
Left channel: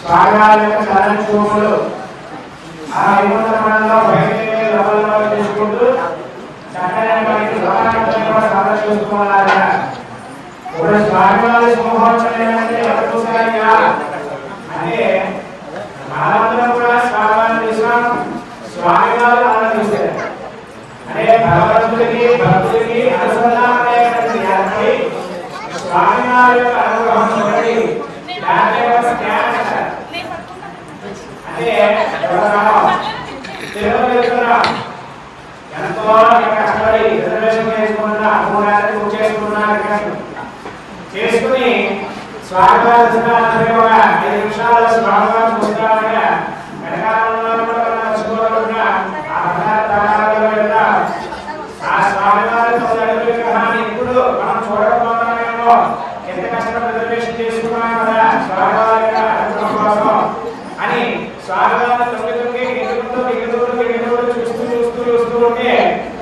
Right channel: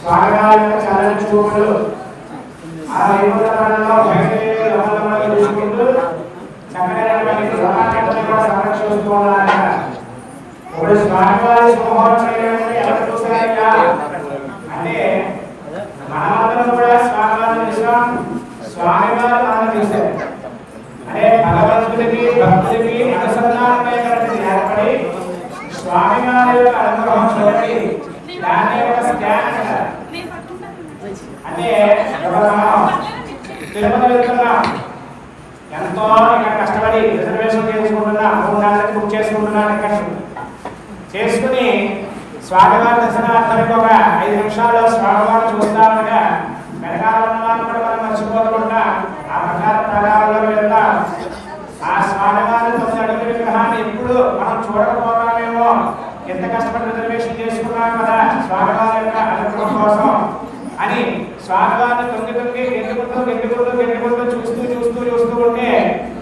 స్వామివారి యొక్క చలన చూపులు ఆ విమోచనంలో బయలుదేరి లోపలకి తీసుకుంటూ చక్కటి సంరక్షించుకోవాలన్న ఇప్పుడు స్వామివారి సింహోత్సవం ఎవరు చూసారయ్యా అంటే మనమందరం కూడా స్వామివారిని చూసాం, స్వామివారు మనం చూసారు. అంటే భగవంతుడికి భక్తుడికి అనుసంధానం ఏర్పడి స్వామివారి యొక్క అనుగ్రహం చూడండి. దాని యొక్క స్కాన్ అంటే తిరుమల వెళ్తున్నాం, ఎంతో కష్టపడి రిజర్వేషన్ చేసుకుంటున్నా బుక్ చేసుకుంటున్నా చేసుకుని స్వామివారి దర్శనానికి ఒక 5 నిమిషాల్లో స్వామివారిని చూస్తామనగా వెనకాల కూడా మనం మర్చిపోకుండా ఆ ప్రకారంలో వెళ్తాం. ఆ స్వామివారి విగ్రహాన్ని ఎప్పుడు మనం చూడకపోవడమేమో, ఎంత కష్టపడి రిజర్వేషన్ చేసుకున్నాం కదా స్వామివారి యొక్క అనుగ్రహం కోసం అని స్వామివారిని తొంగి చూస్తూ ఉంటే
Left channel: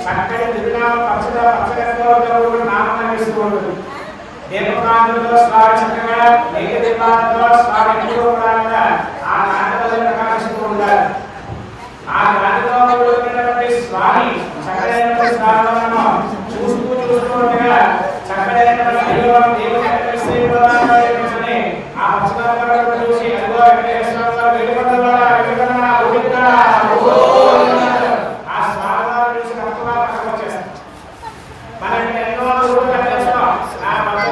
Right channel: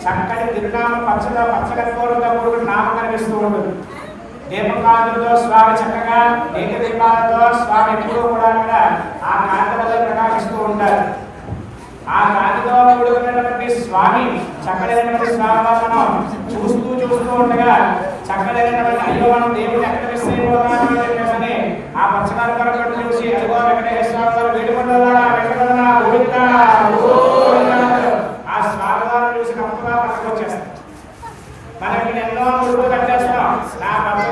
చక్కటి తిరునామం పచ్చగత్వంతో కూడిన నామం కనిపిస్తూ ఉంటుంది. దీపకాంతులతో స్వామి చక్కగా ఏక దీపాలతో స్వామి ఎప్పుడూ కూడా ఆ కాంతి వల్ల ప్రకాశిస్తూ ఉంటారు. ఆ కాంతితో కూడుకున్నటువంటి స్వామి చక్కడైనటువంటి స్వామి చూస్తూ ఉండగా చక్కడైనటువంటి అయ్యో మనం దేవుని ఎక్కడ మిస్ అయిపోతామని ఆ పచ్చకర్పణ చూసి అదిగో వెంకటేశ్వర స్వామి వేడుకొండల ఆ స్వామివారిని చూసి కప్పుగా పక్కకు వచ్చేస్తాం. మనం ఇక్కడ ఎన్నో గురువులు కట్టేస్తున్నాం.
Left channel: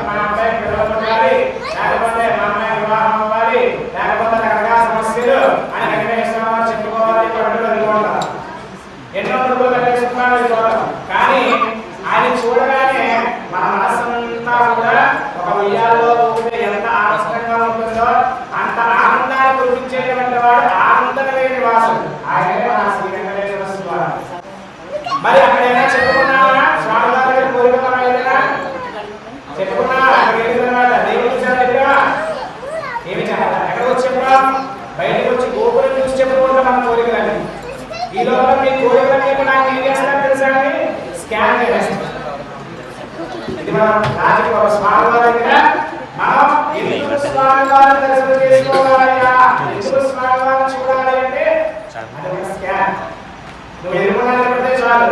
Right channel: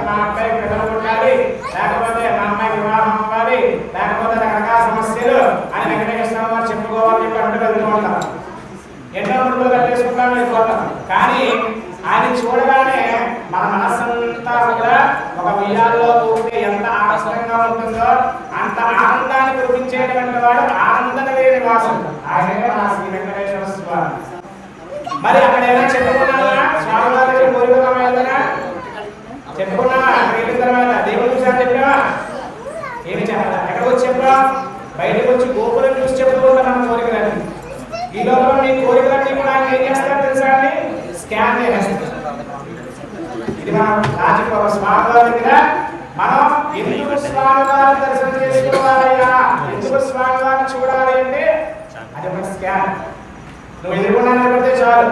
మా అబ్బాయి పిల్లలు ఉండాలి, లేకపోతే మా అమ్మాయి వివాహం అవ్వాలి, లేకపోతే రకరకాల సమస్యలు అని వెంకటేశ్వర చెప్పుకోవాలి పట్టు వెళ్ళిపోతాం. ఎన్నో గురువులు కట్టేసుకుంటాం, వెళ్ళిపోతాం. కానీ ఆయన చూడగానే మన మనస్సంతా కూడా ఒక ఉయ్యాల్లో ఊపితే ఎంత ఆనందంగా ఉంటుందో అంత ఆనందాన్ని కురిపించేటువంటి వాడు ఆనందం లేని వాసుడు ఆయనే మన శ్రీ వెంకటేశ్వర స్వామి. మరి అక్కడైనా చెప్పుకున్నావా స్వామివారి దగ్గర కోరిక ఏదైనా చెప్పుకున్నావా? అక్కడికి వెళ్ళిన తర్వాత దేవుడు చూసారు చెప్పావా? ఏమి చెప్పాలి? ఎక్కడికి వచ్చి చెప్పా? బయటకు వచ్చి గోపురం చూసి చెప్తూ ఉంటాం మన కోరికలన్నీ. ఈ లోపల మీ కోరికలన్నీ కూడా ఆయన ఏం చేస్తారు తెలుసా అండి? స్కాన్ చేస్తారు. ఇది మనం రాజకీయ స్వామివారి దగ్గర మనం ఎందుకు స్వామివారిని దర్శనం చేసుకోవాలయ్యా, ఎందుకు స్వామివారిని చూడాలి అంటే అది ఒక స్కాన్. నువ్వు ఎదురుకుండా నిలబడితే చాలు,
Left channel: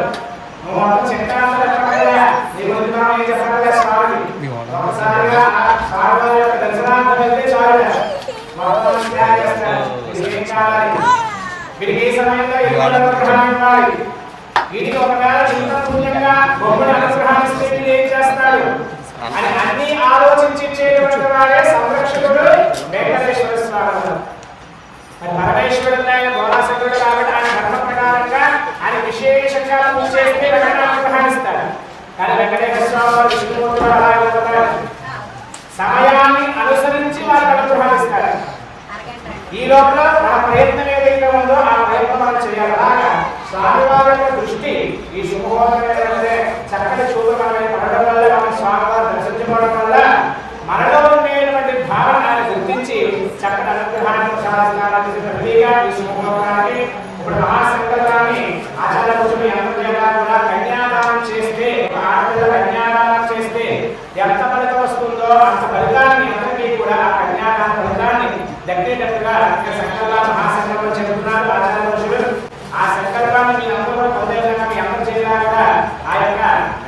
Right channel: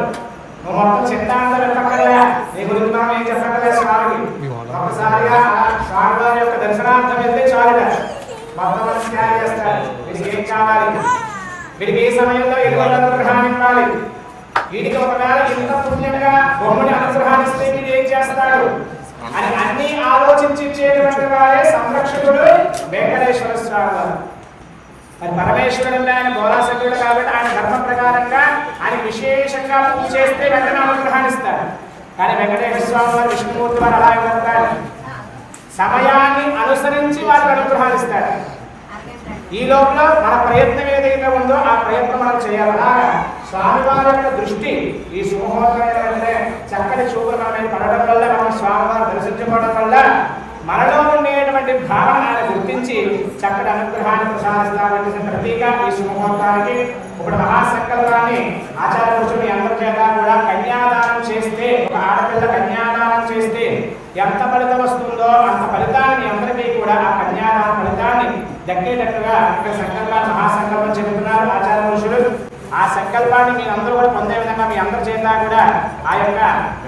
నువ్వు మొత్తం చిత్తాంతా చెప్పక్కర్లే, నీ గురించి మనం ఏం చెప్పక్కర్లే. స్వామికి ఒకసారిగా స్వామివారి యొక్క దర్శనార్థం వెళ్తే చాలు, మొత్తం స్కాన్ చేస్తారు. వీడికి ఏం కావాలి, వీడికి ఏ సమయంలో ఎటువంటి అనుగ్రహాన్ని ఇవ్వాలి, వీడికి ఒకవేళ ఇంత పుణ్యంగా బొమ్మని అనుగ్రహాన్ని ఇస్తే వీడు ఏం చేస్తాడు అని అన్ని ఆలోచించి ఇచ్చేటువంటి వాడే సంరక్షకుడు వెంకటేశ్వర స్వామి వారు. మరి పరమేశ్వరుడు ఆయన బోలాశకుడు కాబట్టి ఆయన ధర్మ ప్రకారంగా ఆయన విశేషంగా పూజ చేస్తే వెంటనే అనుగ్రహాన్ని ఇస్తాడు. కానీ వెంకటేశ్వర స్వామి వారు విష్ణుమూర్తి వారు అలా ఇవ్వతాడు, సమయాన్ని అనుసరించి వారికి అనుగ్రహాన్ని ఇస్తాడు. ఈ లోపల మన ప్రయత్నం ఏదైతే ఉందో ఆ ప్రయత్నం మనం చేయాలన్నా స్వామివారి యొక్క దృష్టి ఈ శుభహోదయ చక్కటి చూపులు మన మీద పడడం వల్ల మనం స్వామివారు దర్శించుకోవడం వల్ల మనలో ఉండేటువంటి భావన ఆయన గుర్తించి చక్కటి అనుగ్రహాన్ని ప్రసాదిస్తామని ప్రతిగా ఈ శుభముహూర్తానికి ఇప్పుడు మహాసంకల్పాన్ని ఆచార్య కూర్చుని అందరి చేత కూడా కన్యాదానం చేస్తే, ఒక ఆడపిల్ల కన్యాదానం చేస్తే ఎంత ఫలితం వస్తుందో అంత ఫలితాన్ని మీ అందరికీ కూడా ఆ కన్యాదాన ఫలితాన్ని దక్కేటట్టుగా సంకల్పాన్ని మహాసంకల్పం చెబుతున్నారు ఆచార్య పురుషులు. ఆ సంకల్పాన్ని మీ అందరూ కూడా పొందే విధంగా మీ అందరి చేత కూడా ఆ యొక్క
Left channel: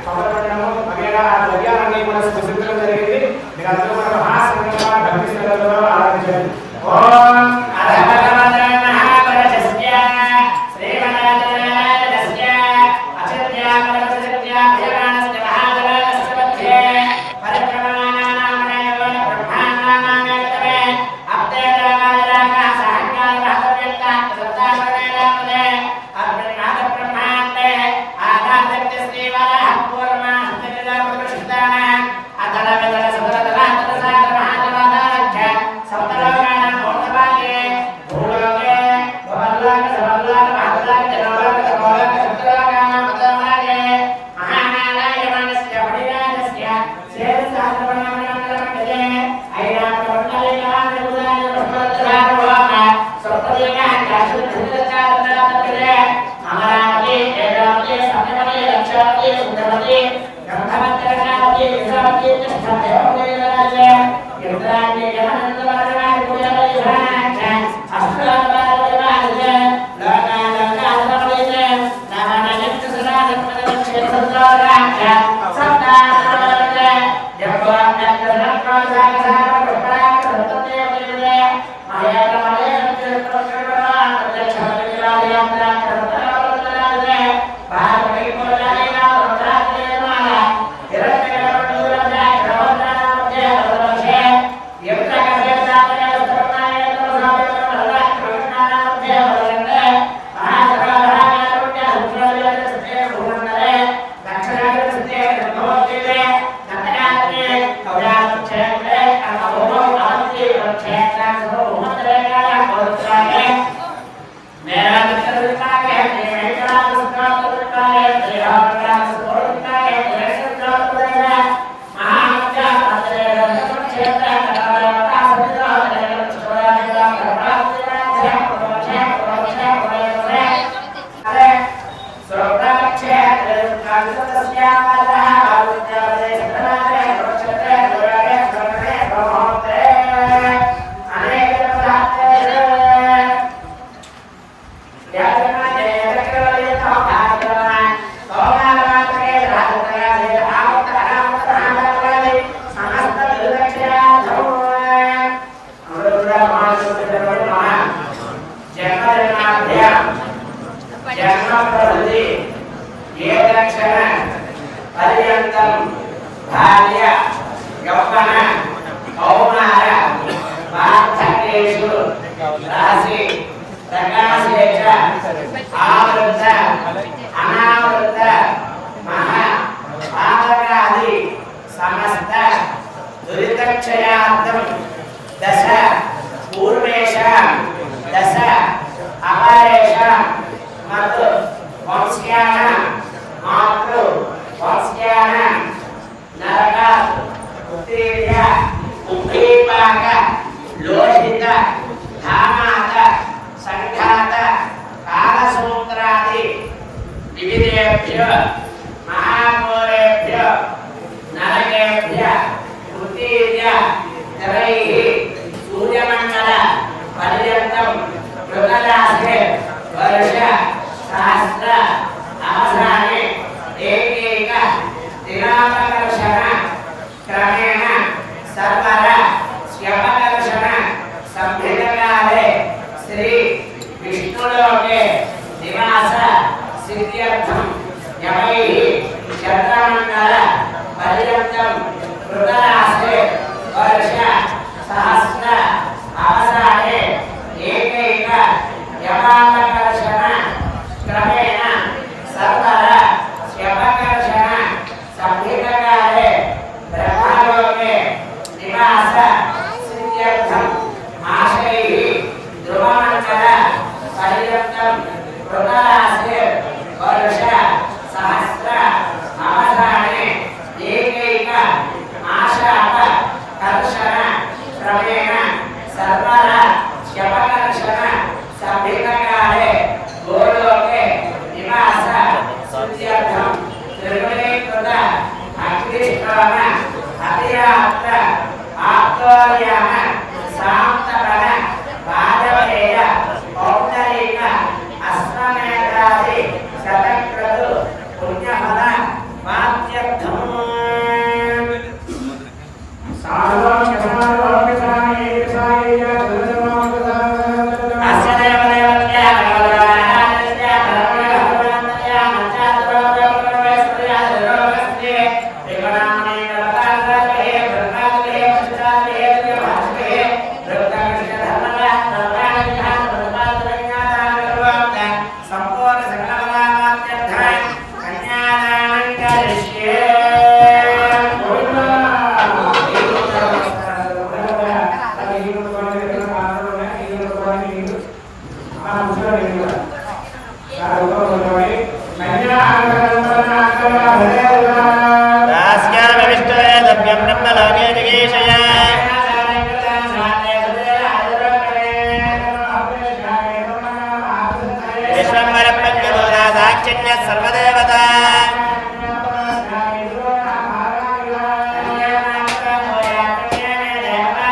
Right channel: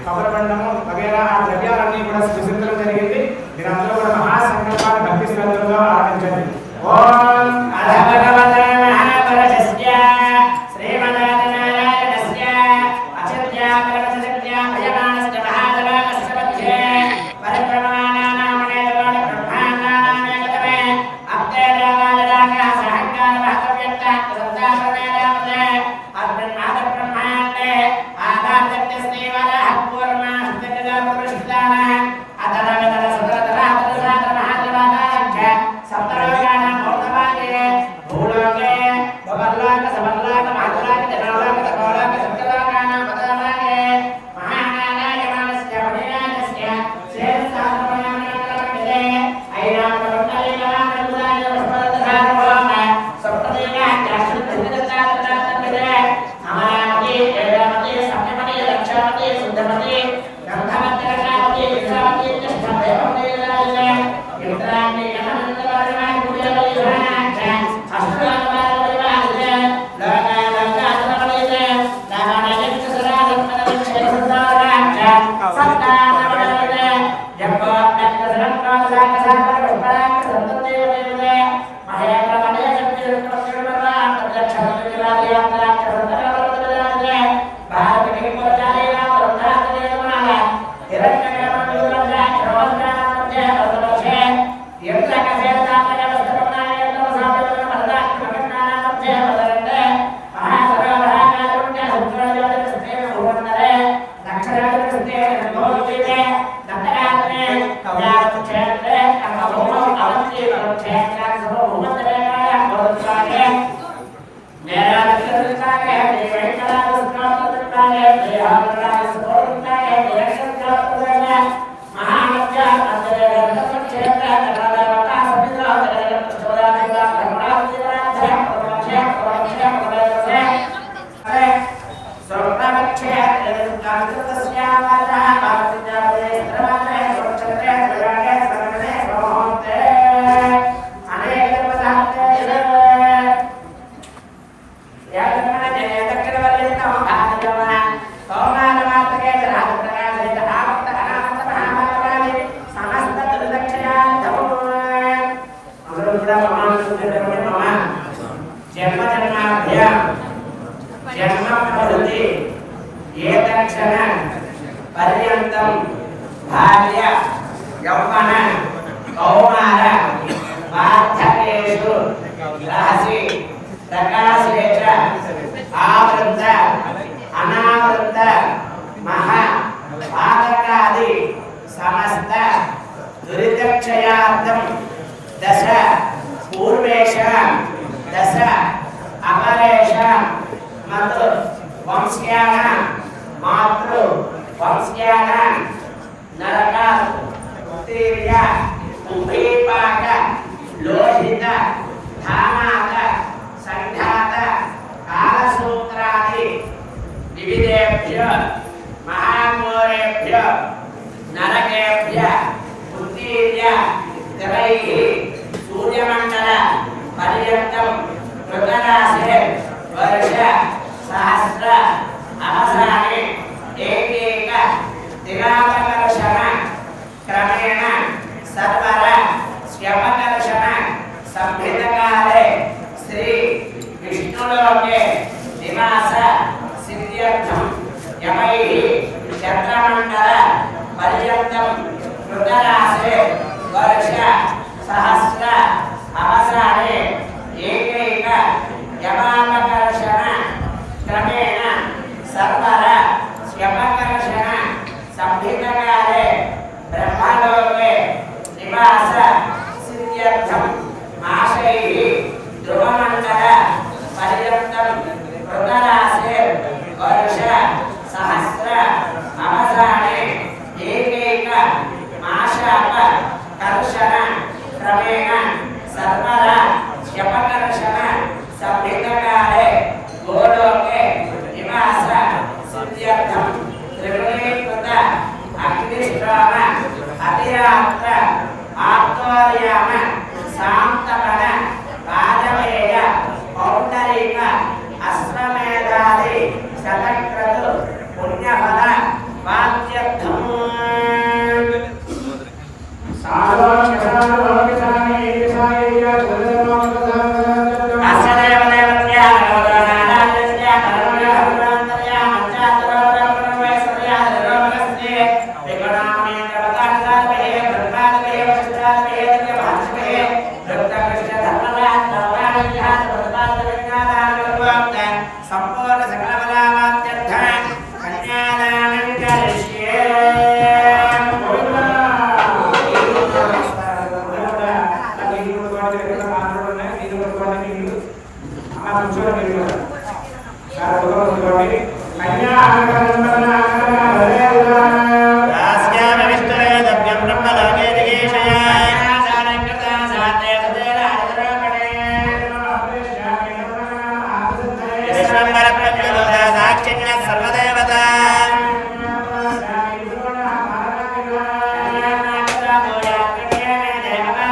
కొబ్బరిబండము వగేరా ఆ ద్రవ్యాలన్నీ కూడా స్పృశించడం జరిగింది. మీరందరూ కూడా మహాసంకల్పాన్ని భక్తి శ్రద్ధలతో ఆరాధించండి. ఓం అదల భార్య యౌవన కౌమార వార్ధకేషు రాశి ప్రకాశేష ఆవృత అనావృత మహా పాతకాది సమస్త దురితక్షయార్థం దశ పూర్వేషాం దశ అపరేషాం మతు వంశ్యానాం మాతృ వంశ్యానాం నరక ఉత్తీర్య ఉద్దీపాక లోహిత ధామాత సంఘాత కాలసూత్రాది వివిధేభ్య మహామూలేభ్య నరకేభ్య ఉత్తీర్య దివైః సూర్యమండల పర్యంతం కృతరాశే వర్ష సహస్ర అవసానే ఏకైక దినాకర్షణ క్రమేణ సర్వర స్యపకర్షణ సంహితకాలే శ్రీ విష్ణులోకే నివాస సిద్ధ్యర్థం యమైః చంద్రమండల పర్యంతం కృతరాశే వర్ష సహస్ర అవసానే ఏకైక యమాకర్షణ క్రమేణ సర్వర స్యపకర్షణ సంహితకాలే బ్రహ్మలోకే నివాస సిద్ధ్యర్థం మాసైః ధ్రువమండల పర్యంతం కృతరాశే వర్ష సహస్ర అవసానే ఏకైక మాశాప కర్షణ క్రమేణ సర్వర శపకర్షణ సంహితకాలే గోలోకే నివాస సిద్ధ్యర్థం త్రిగుణీకృత అగ్నిష్ఠోమ అతిరాత్ర ఆత్వర్యామ శాంతపన వాజపేయ పౌండరీక అశ్వమేధాది శతక్రతు పుణ్యఫల వాద్యర్థం సంపూర్ణ సకల ఫలవాద్యర్థం కన్యాదానం కరిష్యే సాక్షిణ్య సర్వదేవత దేవత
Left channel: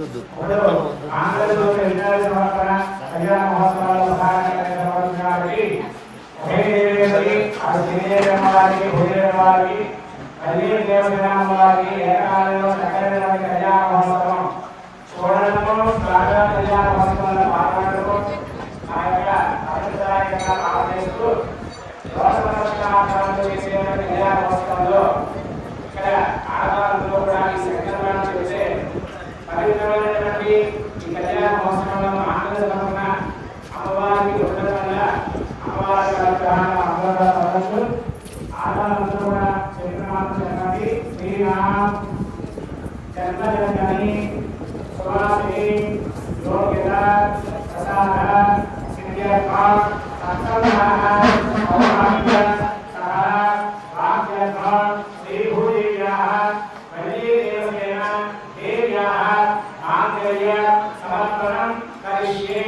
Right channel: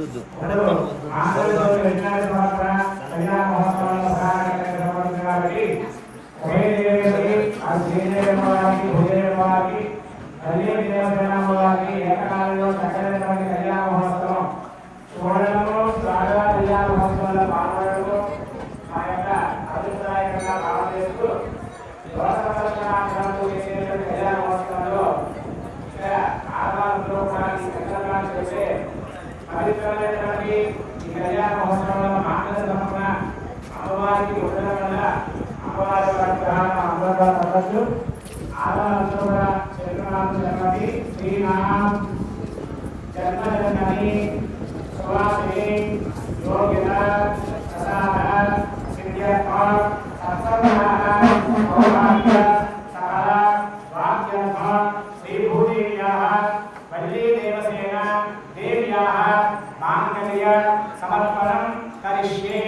వద్దు సమర్పణం కరిష్యే.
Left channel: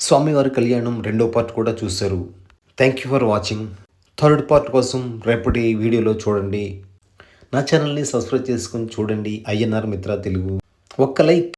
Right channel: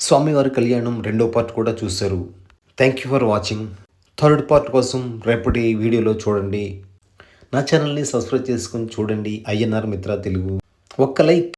స్వామివారి కళ్యాణం రెండో పార్ట్ కూడా చూశారు. Thank you for watching. Third part కోసం రేపటి వీడియోలో చూడండి. నా ఛానల్ని సబ్స్క్రైబ్ చేసుకొని చూడండి. INR మిత్ర తెలుగు. ఒక్క లైక్